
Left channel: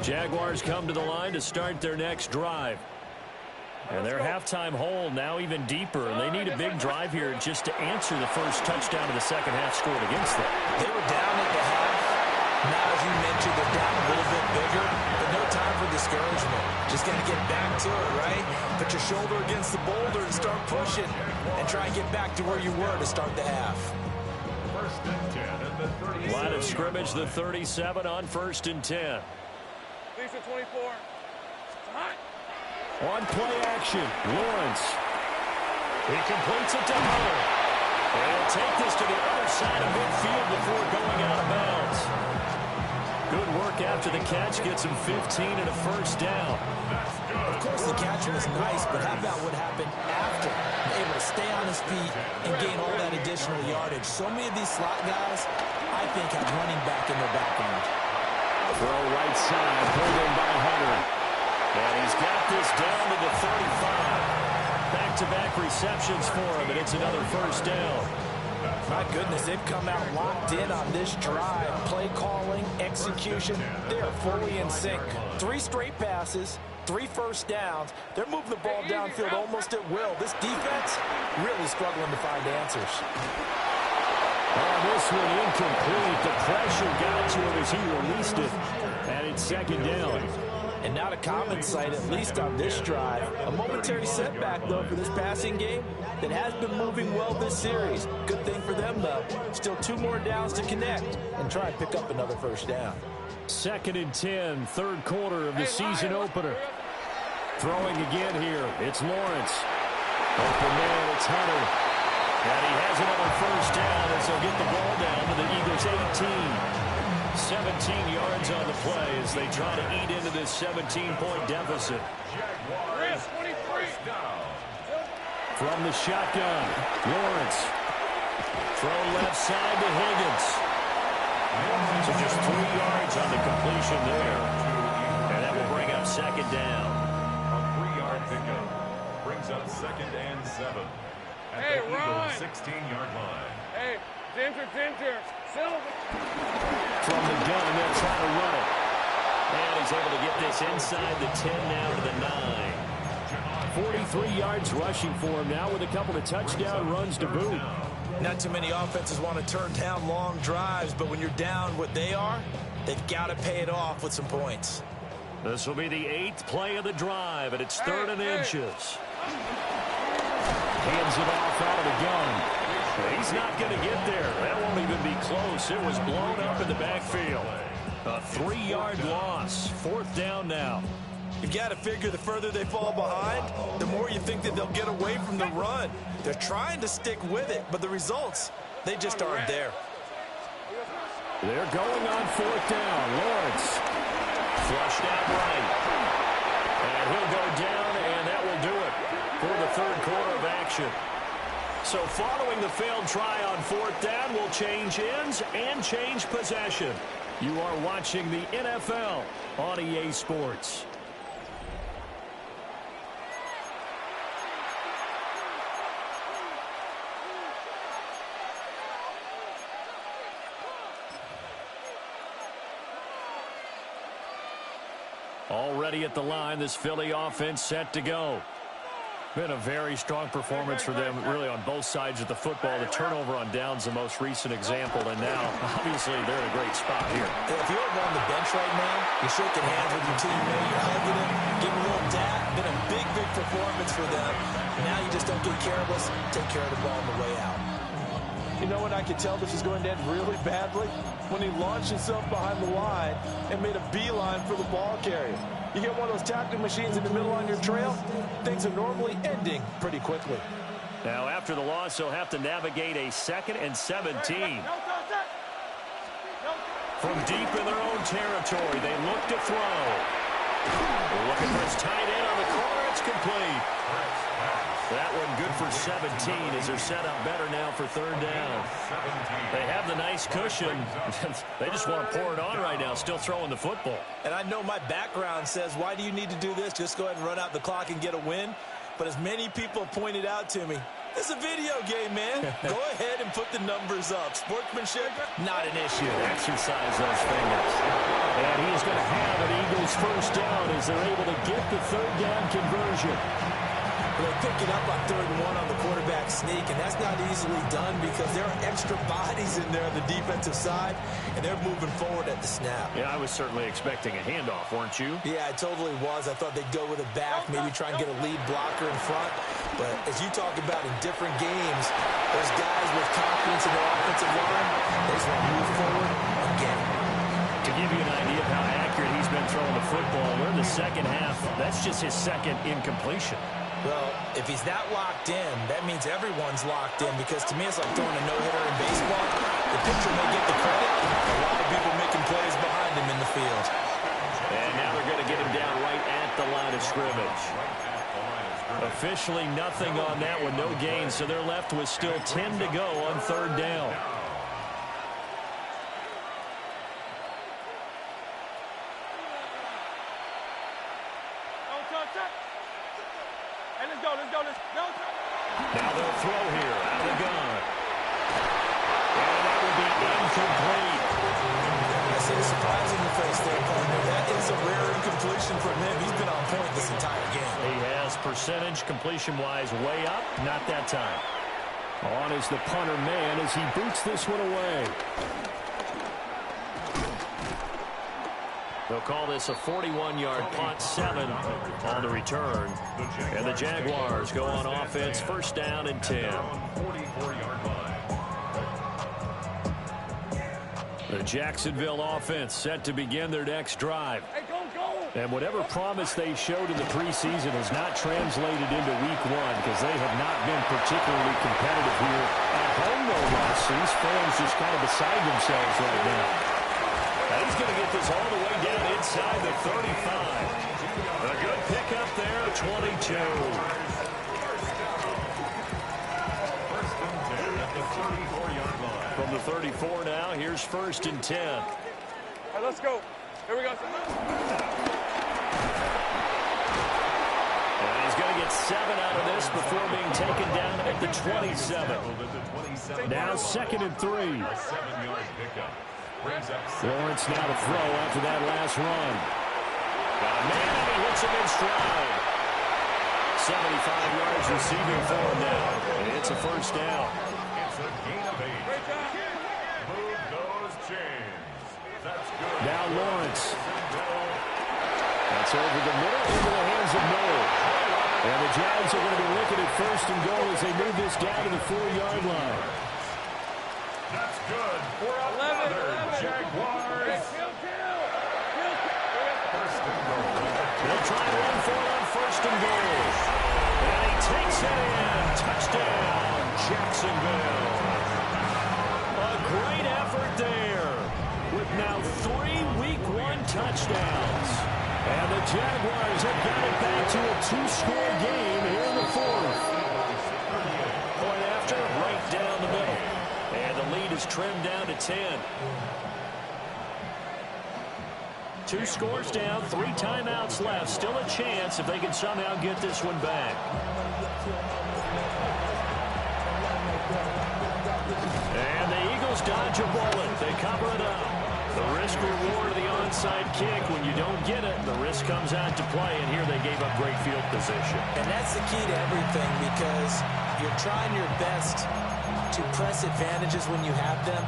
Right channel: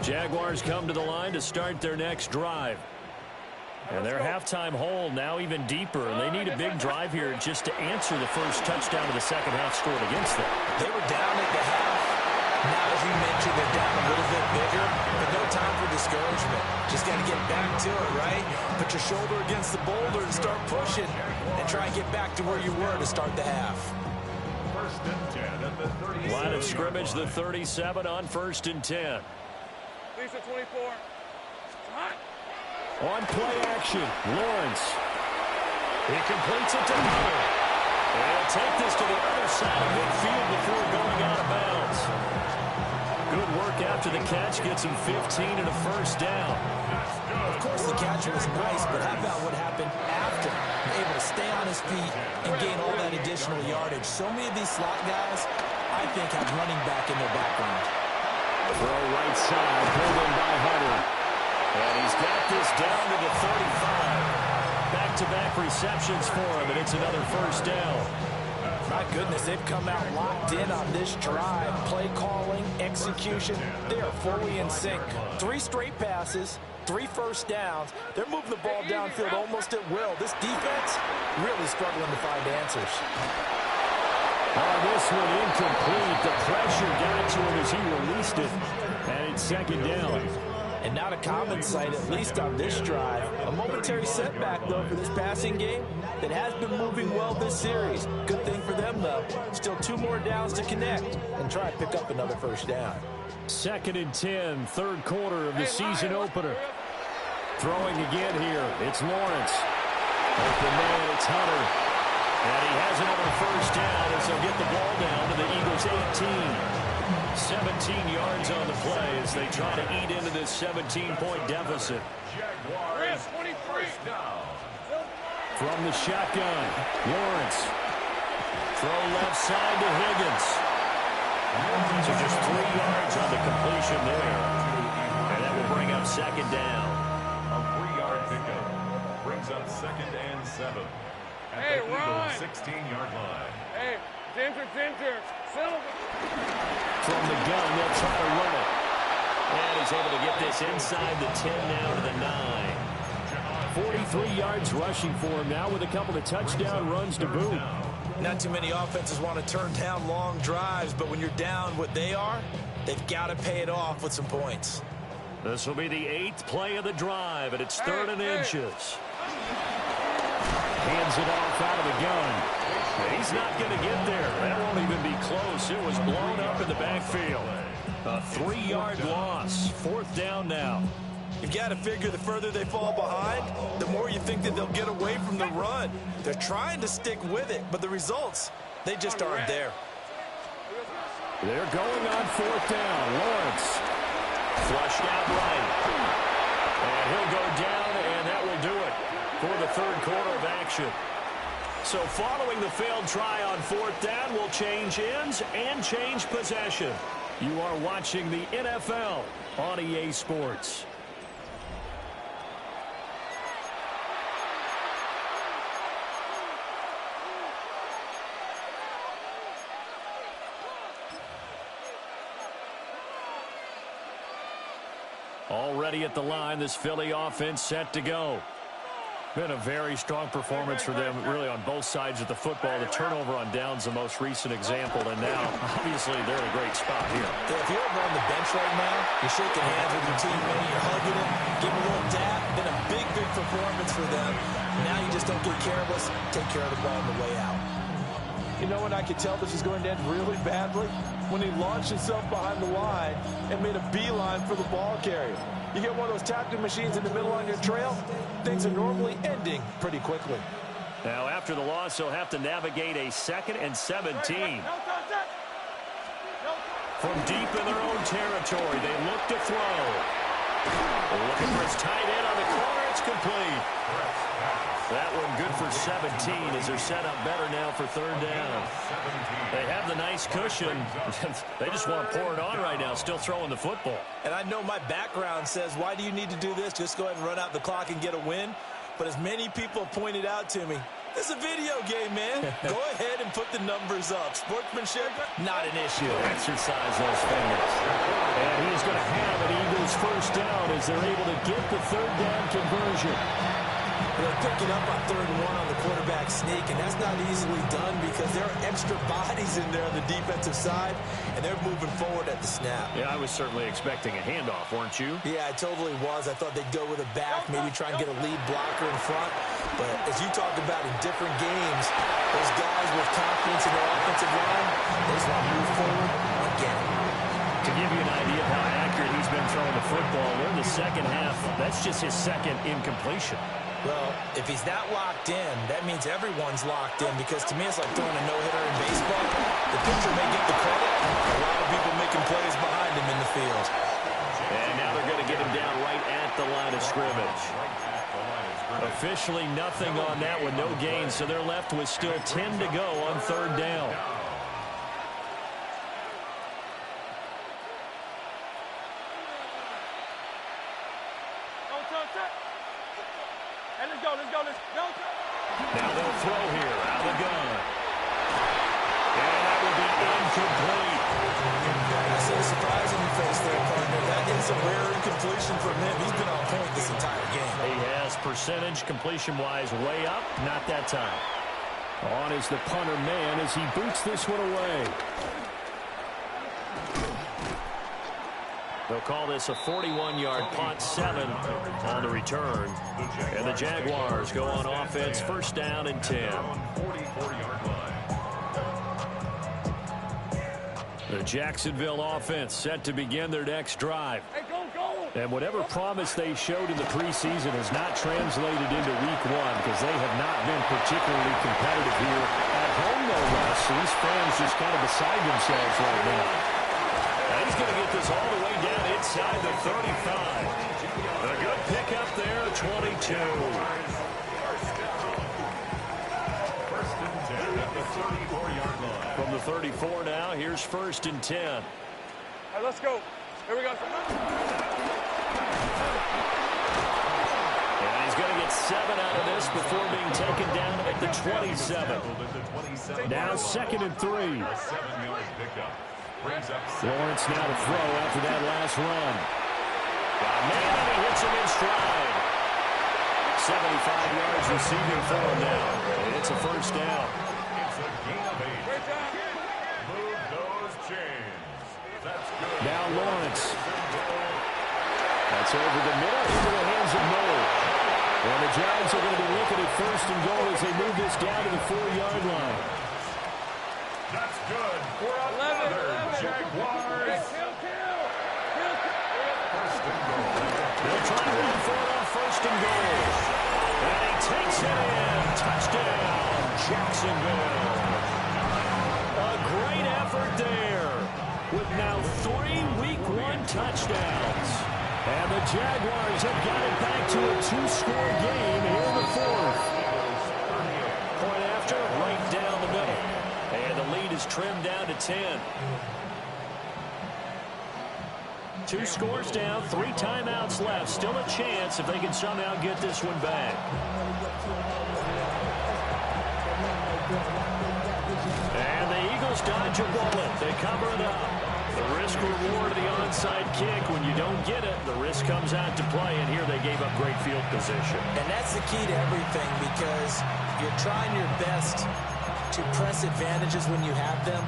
Jaguars come to the line to start their next drive. And their halftime hole now even deeper, and they need a big drive here just to answer the first touchdown of the second half scored against them. They were down at the half. Now, as you mentioned, they're down a little bit bigger, but no time for discouragement. Just got to get back to it, right? Put your shoulder against the boulder and start pushing, and try and get back to where you were to start the half. 1st and 10 at the 37. Line of scrimmage, the 37 on 1st and 10. Lisa 24. It's hot. On play action, Lawrence. He completes it to Hunter. And he'll take this to the other side of midfield before going out of bounds. Good work after the catch. Gets him 15 and a first down. Of course, the catch was nice, but how about what happened after? Able to stay on his feet and gain all that additional yardage. So many of these slot guys, I think, have running back in their background. Throw right side, pulled in by Hunter. And he's got this down to the 35. Back-to-back receptions for him, and it's another first down. My goodness, they've come out locked in on this drive. Play calling, execution, they are fully in sync. 3 straight passes, 3 first downs. They're moving the ball downfield almost at will. This defense really struggling to find answers. On this one, incomplete. The pressure got to him as he released it. And it's 2nd down. And not a common sight, at least on this drive. A momentary setback, though, for this passing game that has been moving well this series. Good thing for them, though. Still 2 more downs to connect and try and pick up another first down. 2nd and 10, 3rd quarter of the season opener. Throwing again here, it's Lawrence. Open man, it's Hunter. And he has another first down as they'll get the ball down to the Eagles' 18. 17 yards on the play as they try to eat into this 17-point deficit. Jaguars 23. From the shotgun, Lawrence. Throw left side to Higgins. So just 3 yards on the completion there. And that will bring up 2nd down. A 3-yard pickup brings up 2nd and 7 at the Eagles' 16-yard line. Hey, Ginger. Silver. From the gun, they'll try to run it. And he's able to get this inside the 10 now to the 9. 43 yards rushing for him now with a couple of touchdown runs to boot. Not too many offenses want to turn down long drives, but when you're down what they are, they've got to pay it off with some points. This will be the 8th play of the drive, and it's 3rd and inches. Hands it off out of the gun. He's not going to get there. That won't even be close. It was blown up in the backfield. A 3-yard loss. 4th down now. You've got to figure the further they fall behind, the more you think that they'll get away from the run. They're trying to stick with it, but the results, they just aren't there. They're going on 4th down. Lawrence. Flushed out right. And he'll go down, and that will do it for the 3rd quarter of action. So following the failed try on 4th down, we'll change ends and change possession. You are watching the NFL on EA Sports. Already at the line, this Philly offense set to go. Been a very strong performance for them, really, on both sides of the football. The turnover on downs the most recent example, and now, obviously, they're in a great spot here. Yeah, if you're over on the bench right now, you're shaking hands with your teammate, you're hugging him, giving him a little dap. Been a big performance for them. Now you just don't get careless, take care of the ball on the way out. You know when I could tell this was going to end really badly? When he launched himself behind the line and made a beeline for the ball carrier. You get one of those tackling machines in the middle on your trail, things are normally ending pretty quickly. Now, after the loss, they'll have to navigate a 2nd and 17. From deep in their own territory, they look to throw. Looking for his tight end on the corner. It's complete. That one good for 17 as they're set up better now for 3rd down. They have the nice cushion. They just want to pour it on right now, still throwing the football. And I know my background says, why do you need to do this? Just go ahead and run out the clock and get a win. But as many people pointed out to me, it's a video game, man. Go ahead and put the numbers up. Sportsmanship, not an issue. Exercise those fingers. And he is going to have an Eagles 1st down as they're able to get the 3rd down conversion. Well, they pick it up on 3rd and 1 on the quarterback sneak, and that's not easily done because there are extra bodies in there on the defensive side, and they're moving forward at the snap. Yeah, I was certainly expecting a handoff, weren't you? Yeah, I totally was. I thought they'd go with a back, maybe try and get a lead blocker in front. But as you talk about in different games, those guys with confidence in their offensive line, they just want to move forward again. To give you an idea of how accurate he's been throwing the football, we're in the 2nd half. That's just his 2nd incompletion. Well, if he's that locked in, that means everyone's locked in because to me it's like throwing a no-hitter in baseball. The pitcher may get the credit. A lot of people making plays behind him in the field. And now they're going to get him down right at the line of scrimmage. Officially nothing on that one, no gain, so they're left with still 10 to go on 3rd down. Hey, let's go. Now they'll throw here out of the gun. And that will be incomplete. I see the surprise in your face there, partner. That is a rare incompletion from him. He's been on point this entire game. He has percentage completion-wise way up. Not that time. On is the punter man as he boots this one away. They'll call this a 41-yard punt, 7 on the return. And the Jaguars go on offense, 1st down and 10. The Jacksonville offense set to begin their next drive. Hey, go. And whatever promise they showed in the preseason has not translated into week 1 because they have not been particularly competitive here at home, no less. So these fans just kind of beside themselves right now. And he's going to get this all the way down inside the 35. A good pickup there, 22. First and 10 at the 34-yard line. From the 34 now, here's 1st and 10. All right, let's go. Here we go. And he's going to get 7 out of this before being taken down at the 27. Now 2nd and 3. A 7-yard pickup. Lawrence now to throw after that last run. Got a man, and he hits him in stride. 75 yards receiving for him now. And it's a first down. It's a gain of 8. Move those chains. That's good. Now Lawrence. That's over the middle into the hands of Noel. And the Jags are going to be looking at 1st and goal as they move this down to the 4-yard line. That's good for another Jaguars. First and goal. They'll try and run for it on 1st and goal. And he takes it in. Touchdown, Jacksonville. A great effort there with now 3 Week 1 touchdowns. And the Jaguars have got it back to a 2-score game here in the 4th. Point after, right down the middle. And the lead is trimmed down to 10. 2 scores down, 3 timeouts left. Still a chance if they can somehow get this one back. And the Eagles dodge a bullet. They cover it up. The risk-reward of the onside kick. When you don't get it, the risk comes out to play. And here they gave up great field position. And that's the key to everything, because you're trying your best to press advantages when you have them.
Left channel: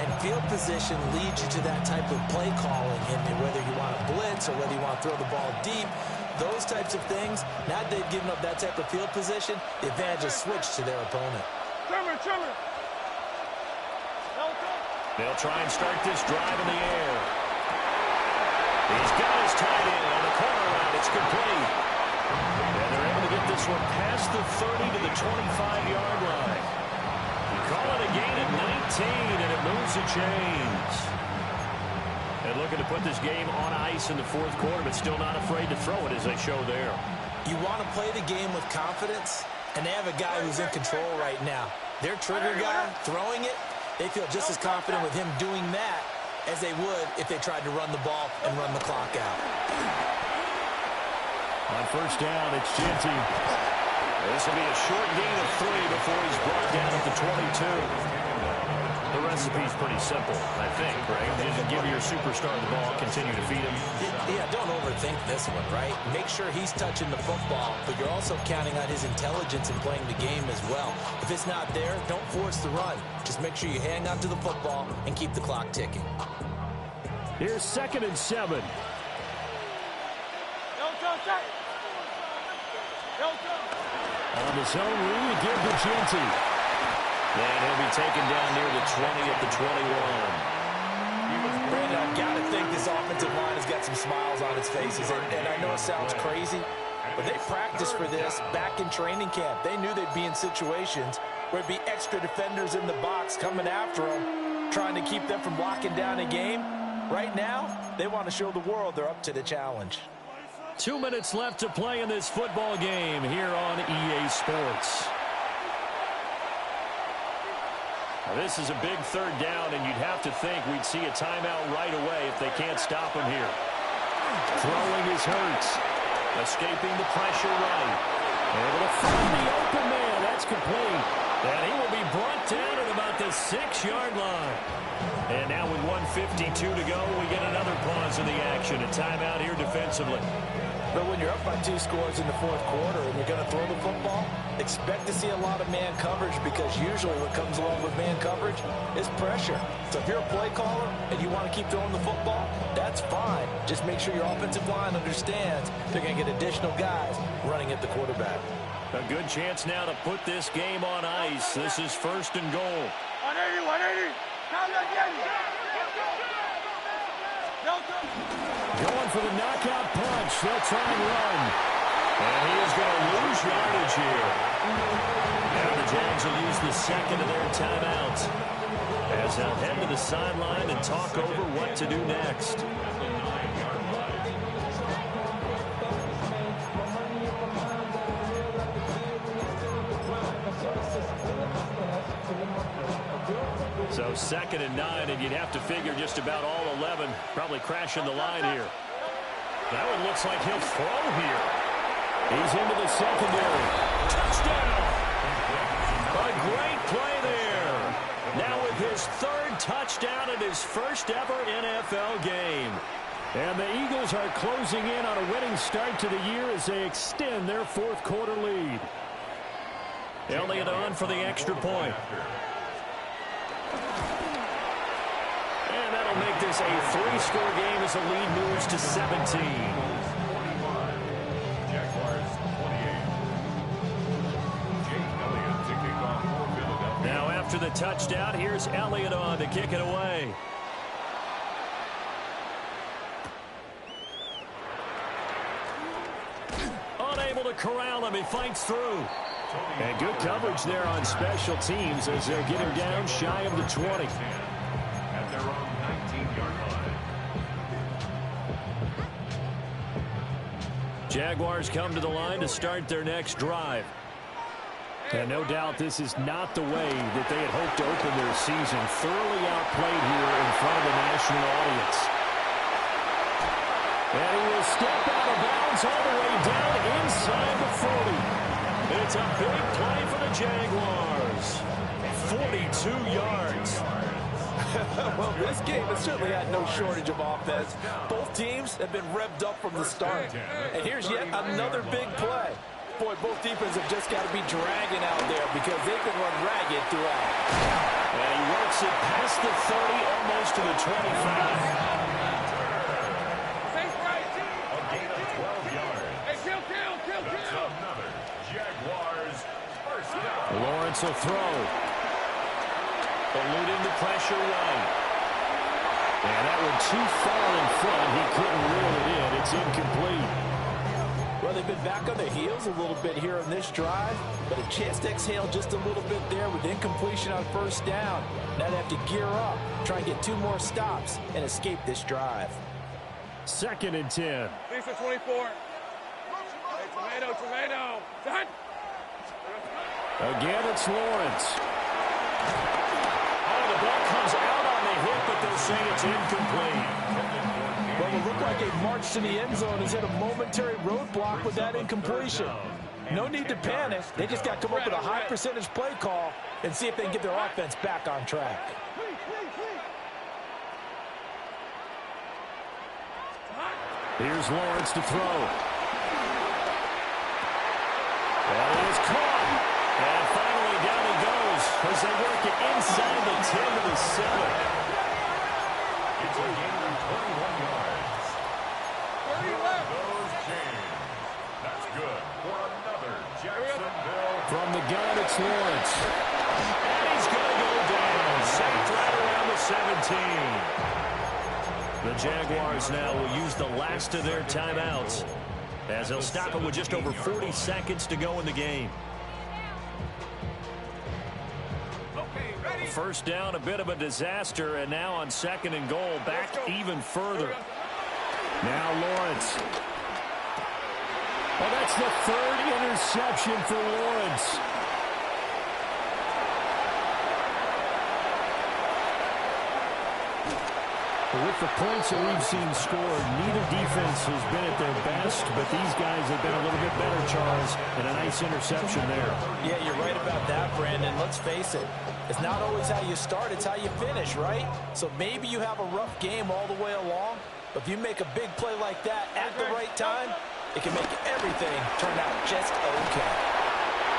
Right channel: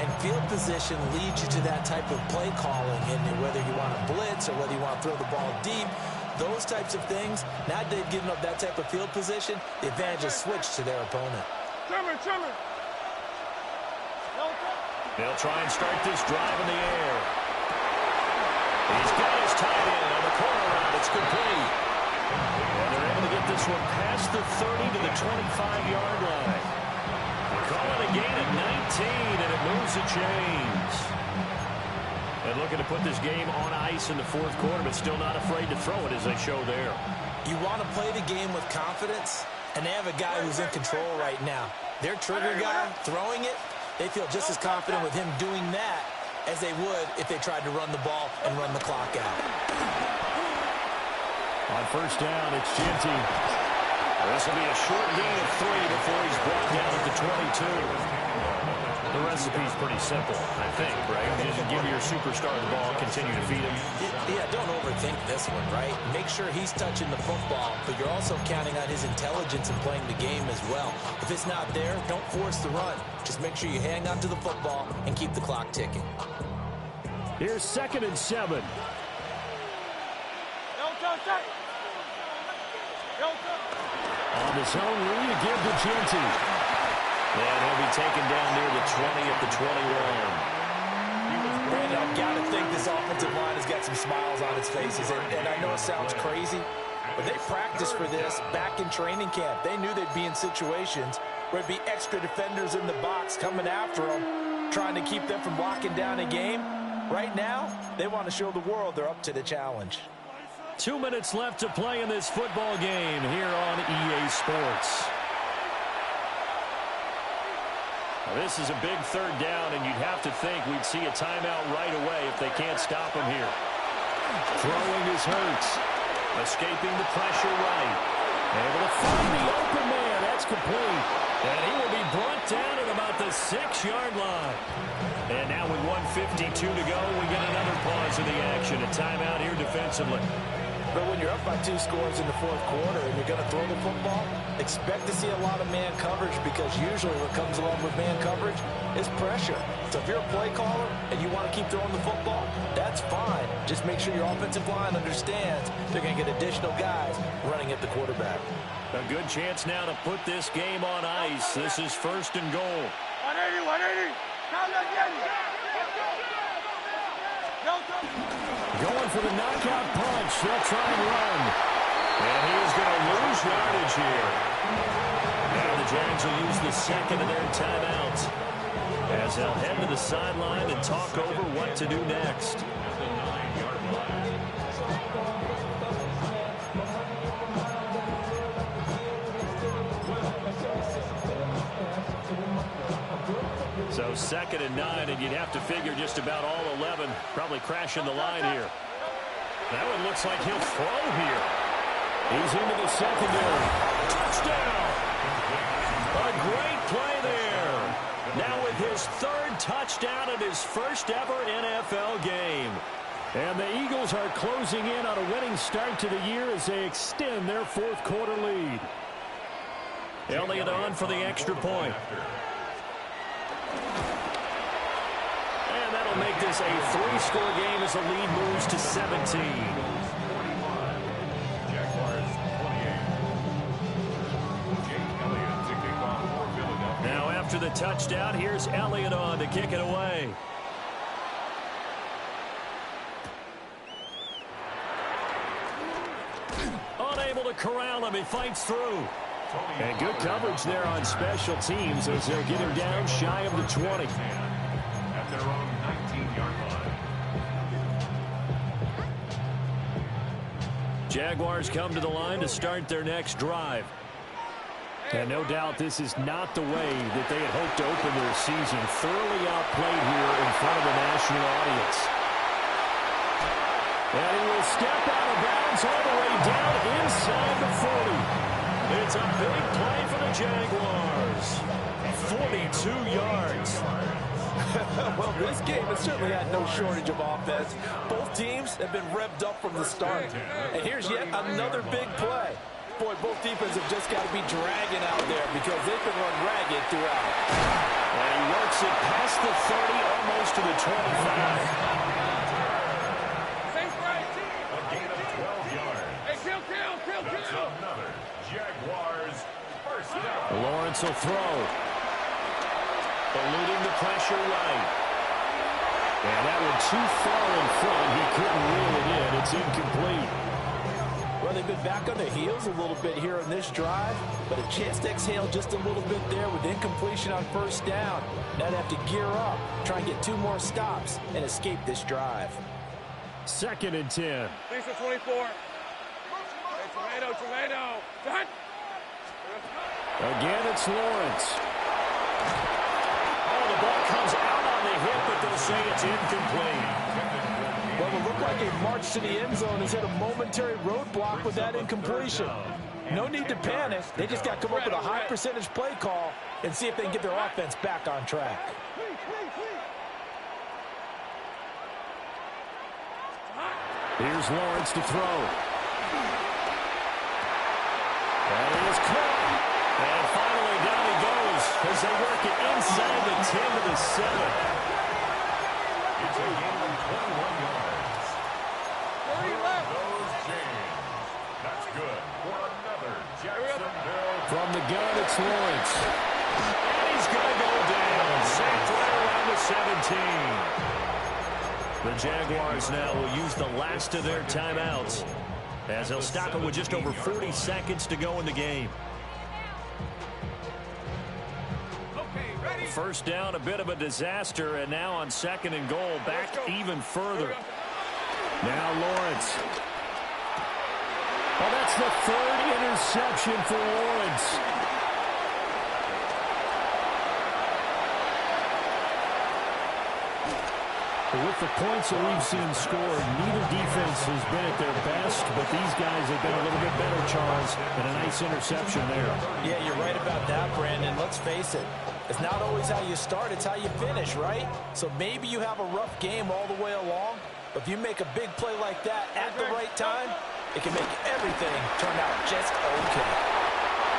And field position leads you to that type of play calling. And whether you want to blitz or whether you want to throw the ball deep, those types of things, now they've given up that type of field position, the advantage is switched to their opponent. Trimmer. They'll try and start this drive in the air. He's got his tight end on the corner route. It's complete. And they're able to get this one past the 30 to the 25-yard line. Call it a gain at 19, and it moves the chains. And looking to put this game on ice in the 4th quarter, but still not afraid to throw it as they show there. You want to play the game with confidence, and they have a guy who's in control right now. Their trigger guy throwing it, they feel just as confident with him doing that as they would if they tried to run the ball and run the clock out. On 1st down, it's Ginty. This will be a short gain of 3 before he's brought down at the 22. The recipe's pretty simple, I think, right? Just give your superstar the ball, continue to feed him. Yeah, don't overthink this one, right? Make sure he's touching the football, but you're also counting on his intelligence in playing the game as well. If it's not there, don't force the run. Just make sure you hang on to the football and keep the clock ticking. Here's 2nd and 7. On the zone read, a give to Ginty. And he'll be taken down near the 20 at the 21. Brandon, I've got to think this offensive line has got some smiles on its faces. And I know it sounds crazy, but they practiced for this back in training camp. They knew they'd be in situations where it'd be extra defenders in the box coming after them, trying to keep them from locking down a game. Right now, they want to show the world they're up to the challenge. 2 minutes left to play in this football game here on EA Sports. Now this is a big 3rd down, and you'd have to think we'd see a timeout right away if they can't stop him here. Throwing is Hurts. Escaping the pressure right. Able to find the open man. That's complete. And he will be brought down at about the 6-yard line. And now with 1:52 to go, we get another pause in the action. A timeout here defensively. But when you're up by 2 scores in the 4th quarter and you're going to throw the football, expect to see a lot of man coverage, because usually what comes along with man coverage is pressure. So if you're a play caller and you want to keep throwing the football, that's fine. Just make sure your offensive line understands they're going to get additional guys running at the quarterback. A good chance now to put this game on ice. This is 1st and goal. 180. Going for the knockout punch. They'll try and run. And he is going to lose yardage here. Now the Jags will use the 2nd of their timeouts as they'll head to the sideline and talk over what to do next. So 2nd and 9, and you'd have to figure just about all 11 probably crashing the line here. That one looks like he'll throw here. He's into the secondary. Touchdown! A great play there. Now with his third touchdown in his first ever NFL game. And the Eagles are closing in on a winning start to the year as they extend their fourth quarter lead. Elliott on for the extra point. And that'll make this a 3-score game as the lead moves to 17. Now after the touchdown, here's Elliott on to kick it away. Unable to corral him. He fights through. And good coverage there on special teams as they'll get him down shy of the 20. At their own 19-yard line. Jaguars come to the line to start their next drive. And no doubt this is not the way that they had hoped to open their season. Thoroughly outplayed here in front of the national audience. And he will step out of bounds all the way down inside the 40. It's a big play for the Jaguars. 42 yards. Well, this game has certainly had no shortage of offense. Both teams have been revved up from the start. And here's yet another big play. Boy, both defenses have just got to be dragging out there because they can run ragged throughout. And he works it past the 30, almost to the 25. A gain of 12 yards. Hey, kill. That's another Jaguars first down. Lawrence will throw. Eluding the pressure right. And that one too far in front. He couldn't reel it in. It's incomplete. Well, they've been back on their heels a little bit here in this drive, but a chance to exhale just a little bit there with incompletion on first down. Now they have to gear up, try and get 2 more stops, and escape this drive. 2nd and 10. Lisa 24. Hey, tomato. Done. Again, it's Lawrence. Oh, the ball comes out on the hit, but they'll say it's incomplete. Well, it looked like a march to the end zone has hit a momentary roadblock with that incompletion. No need to panic. They just got to come up with a high percentage play call and see if they can get their offense back on track. Here's Lawrence to throw. That is caught. And finally down he goes as they work it inside the 10 to the 7. It's a gain of 21 yards. 30 left. Those chains. That's good for another Jacksonville. From the gun, it's Lawrence. And he's going to go down. Safe right around the 17. The Jaguars now will use the last of their timeouts as they'll stop it with just over 40 seconds to go in the game. First down, a bit of a disaster, and now on 2nd and goal, back even further. Now Lawrence. Well, that's the 3rd interception for Lawrence. With the points that we've seen scored, neither defense has been at their best, but these guys have been a little bit better, Charles, and a nice interception there. Yeah, you're right about that, Brandon. Let's face it. It's not always how you start, it's how you finish, right? So maybe you have a rough game all the way along, but if you make a big play like that at the right time, it can make everything turn out just okay.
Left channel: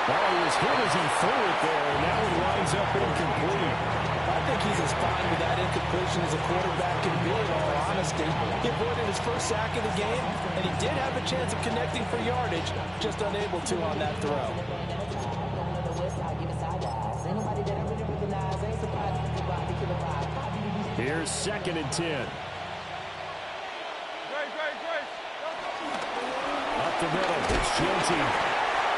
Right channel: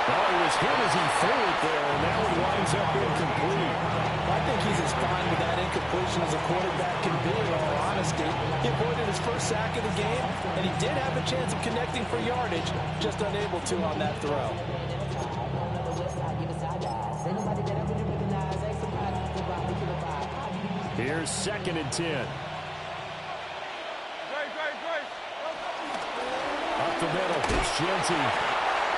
Well, he was hit as he threw it there, and that one winds up incomplete. I think he's as fine with that incompletion as a quarterback can be, in all honesty. He avoided his first sack of the game, and he did have a chance of connecting for yardage, just unable to on that throw. Here's 2nd and 10. Up the middle, it's Genty.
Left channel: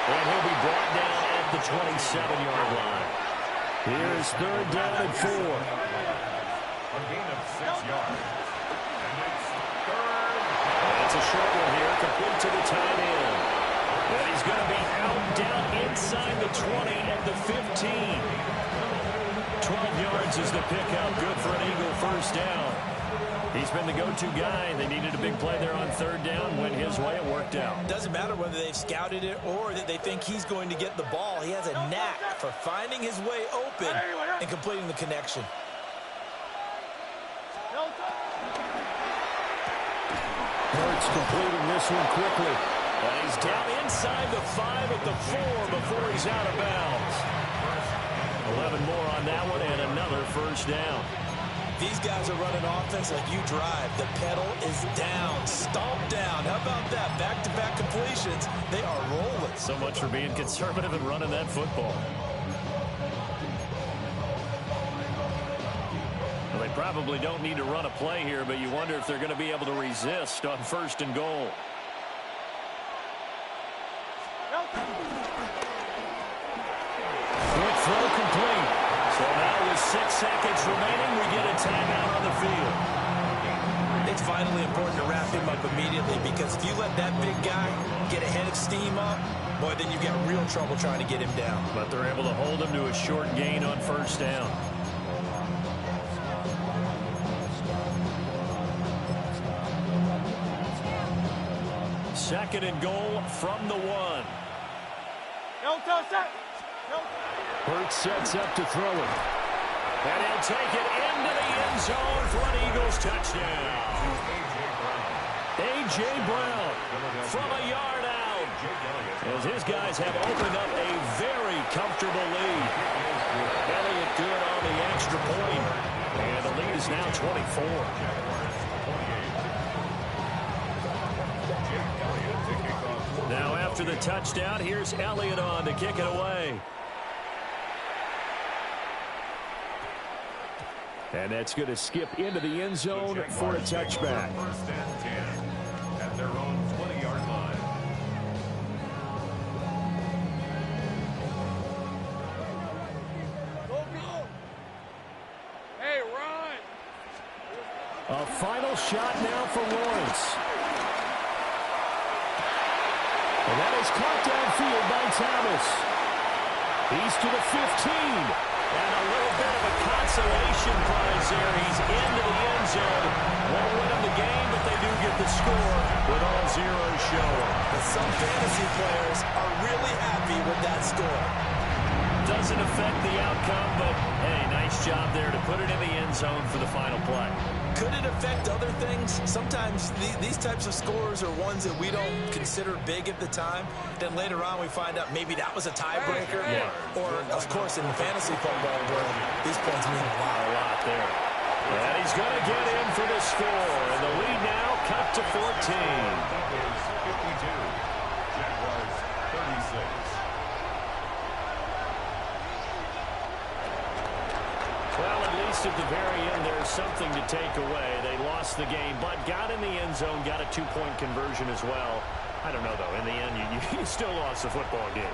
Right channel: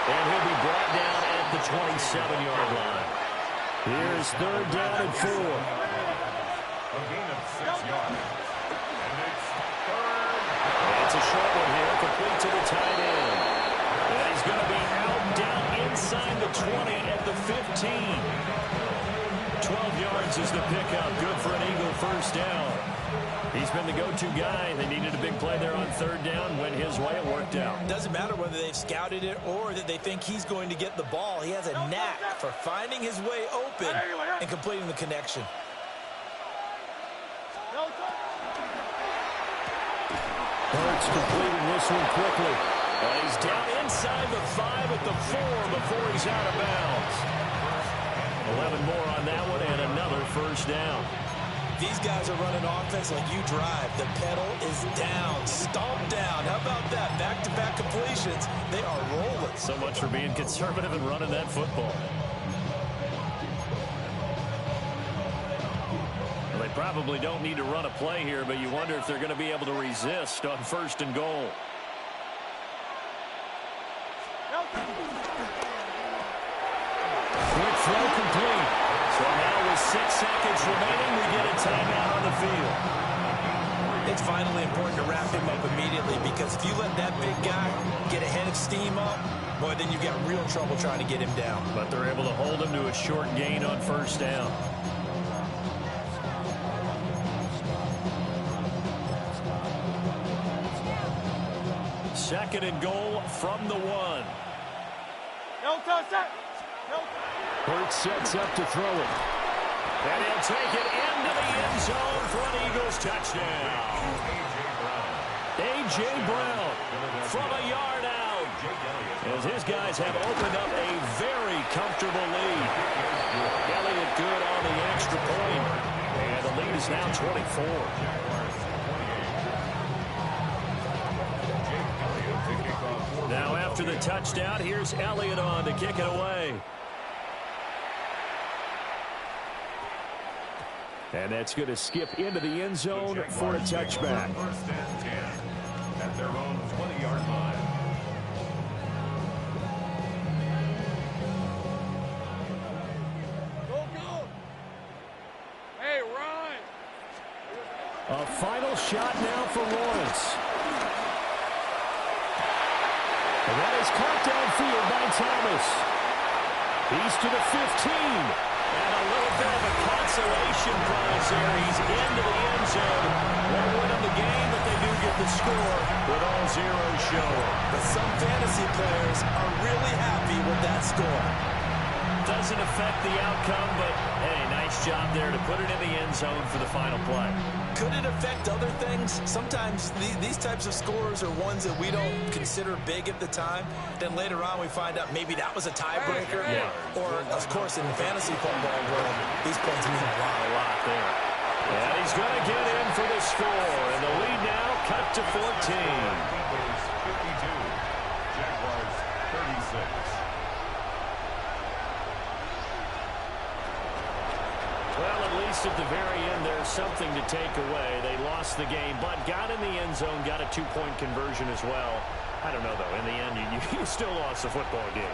And he'll be brought down at the 27-yard line. Here's 3rd down and 4. A gain of 6 yards. And it's 3rd. It's a short one here, complete to the tight end. And he's going to be out down inside the 20 at the 15. 12 yards is the pickup. Good for an Eagle first down. He's been the go-to guy. They needed a big play there on third down. Went his way. It worked out. Doesn't matter whether they've scouted it or that they think he's going to get the ball. He has a knack for finding his way open and completing the connection. Hurts completing this one quickly. He's down inside the 5 at the 4 before he's out of bounds. 11 more on that one and another first down. These guys are running offense like you drive. The pedal is down, stomped down. How about that? Back-to-back completions. They are rolling. So much for being conservative and running that football. Well, they probably don't need to run a play here, but you wonder if they're going to be able to resist on first and goal. Quick throw complete. So now with 6 seconds remaining, we get a timeout on the field. It's vitally important to wrap him up immediately, because if you let that big guy get a head of steam up, boy, then you've got real trouble trying to get him down. But they're able to hold him to a short gain on first down. Second and goal from the 1. Hurts sets up to throw it. And he'll take it into the end zone for an Eagles touchdown. A.J. Brown from a yard out, as his guys have opened up a very comfortable lead. Elliott good on the extra point, and the lead is now 24. Now after the touchdown, here's Elliott on to kick it away. And that's going to skip into the end zone for a touchback. First and 10 at their own 20-yard line. Go. Hey, run. A final shot now for Lawrence. And that is caught downfield by Thomas. He's to the 15. And a little bit of a consolation prize there. He's into the end zone. Won't win them the game, but they do get the score with all zeros showing. But some fantasy players are really happy with that score. Doesn't affect the outcome, but, hey, nice job there to put it in the end zone for the final play. Could it affect other things? Sometimes these types of scores are ones that we don't consider big at the time. Then later on we find out maybe that was a tiebreaker. Yeah. Or, of course, in the fantasy football world, these points mean a lot. A lot there. And he's going to get in for the score. And the lead now cut to 14. Eagles 52, Jaguars 36. Well, at least at the very end, there's something to take away. They lost the game, but got in the end zone, got a 2-point conversion as well. I don't know, though. In the end, you still lost the football game.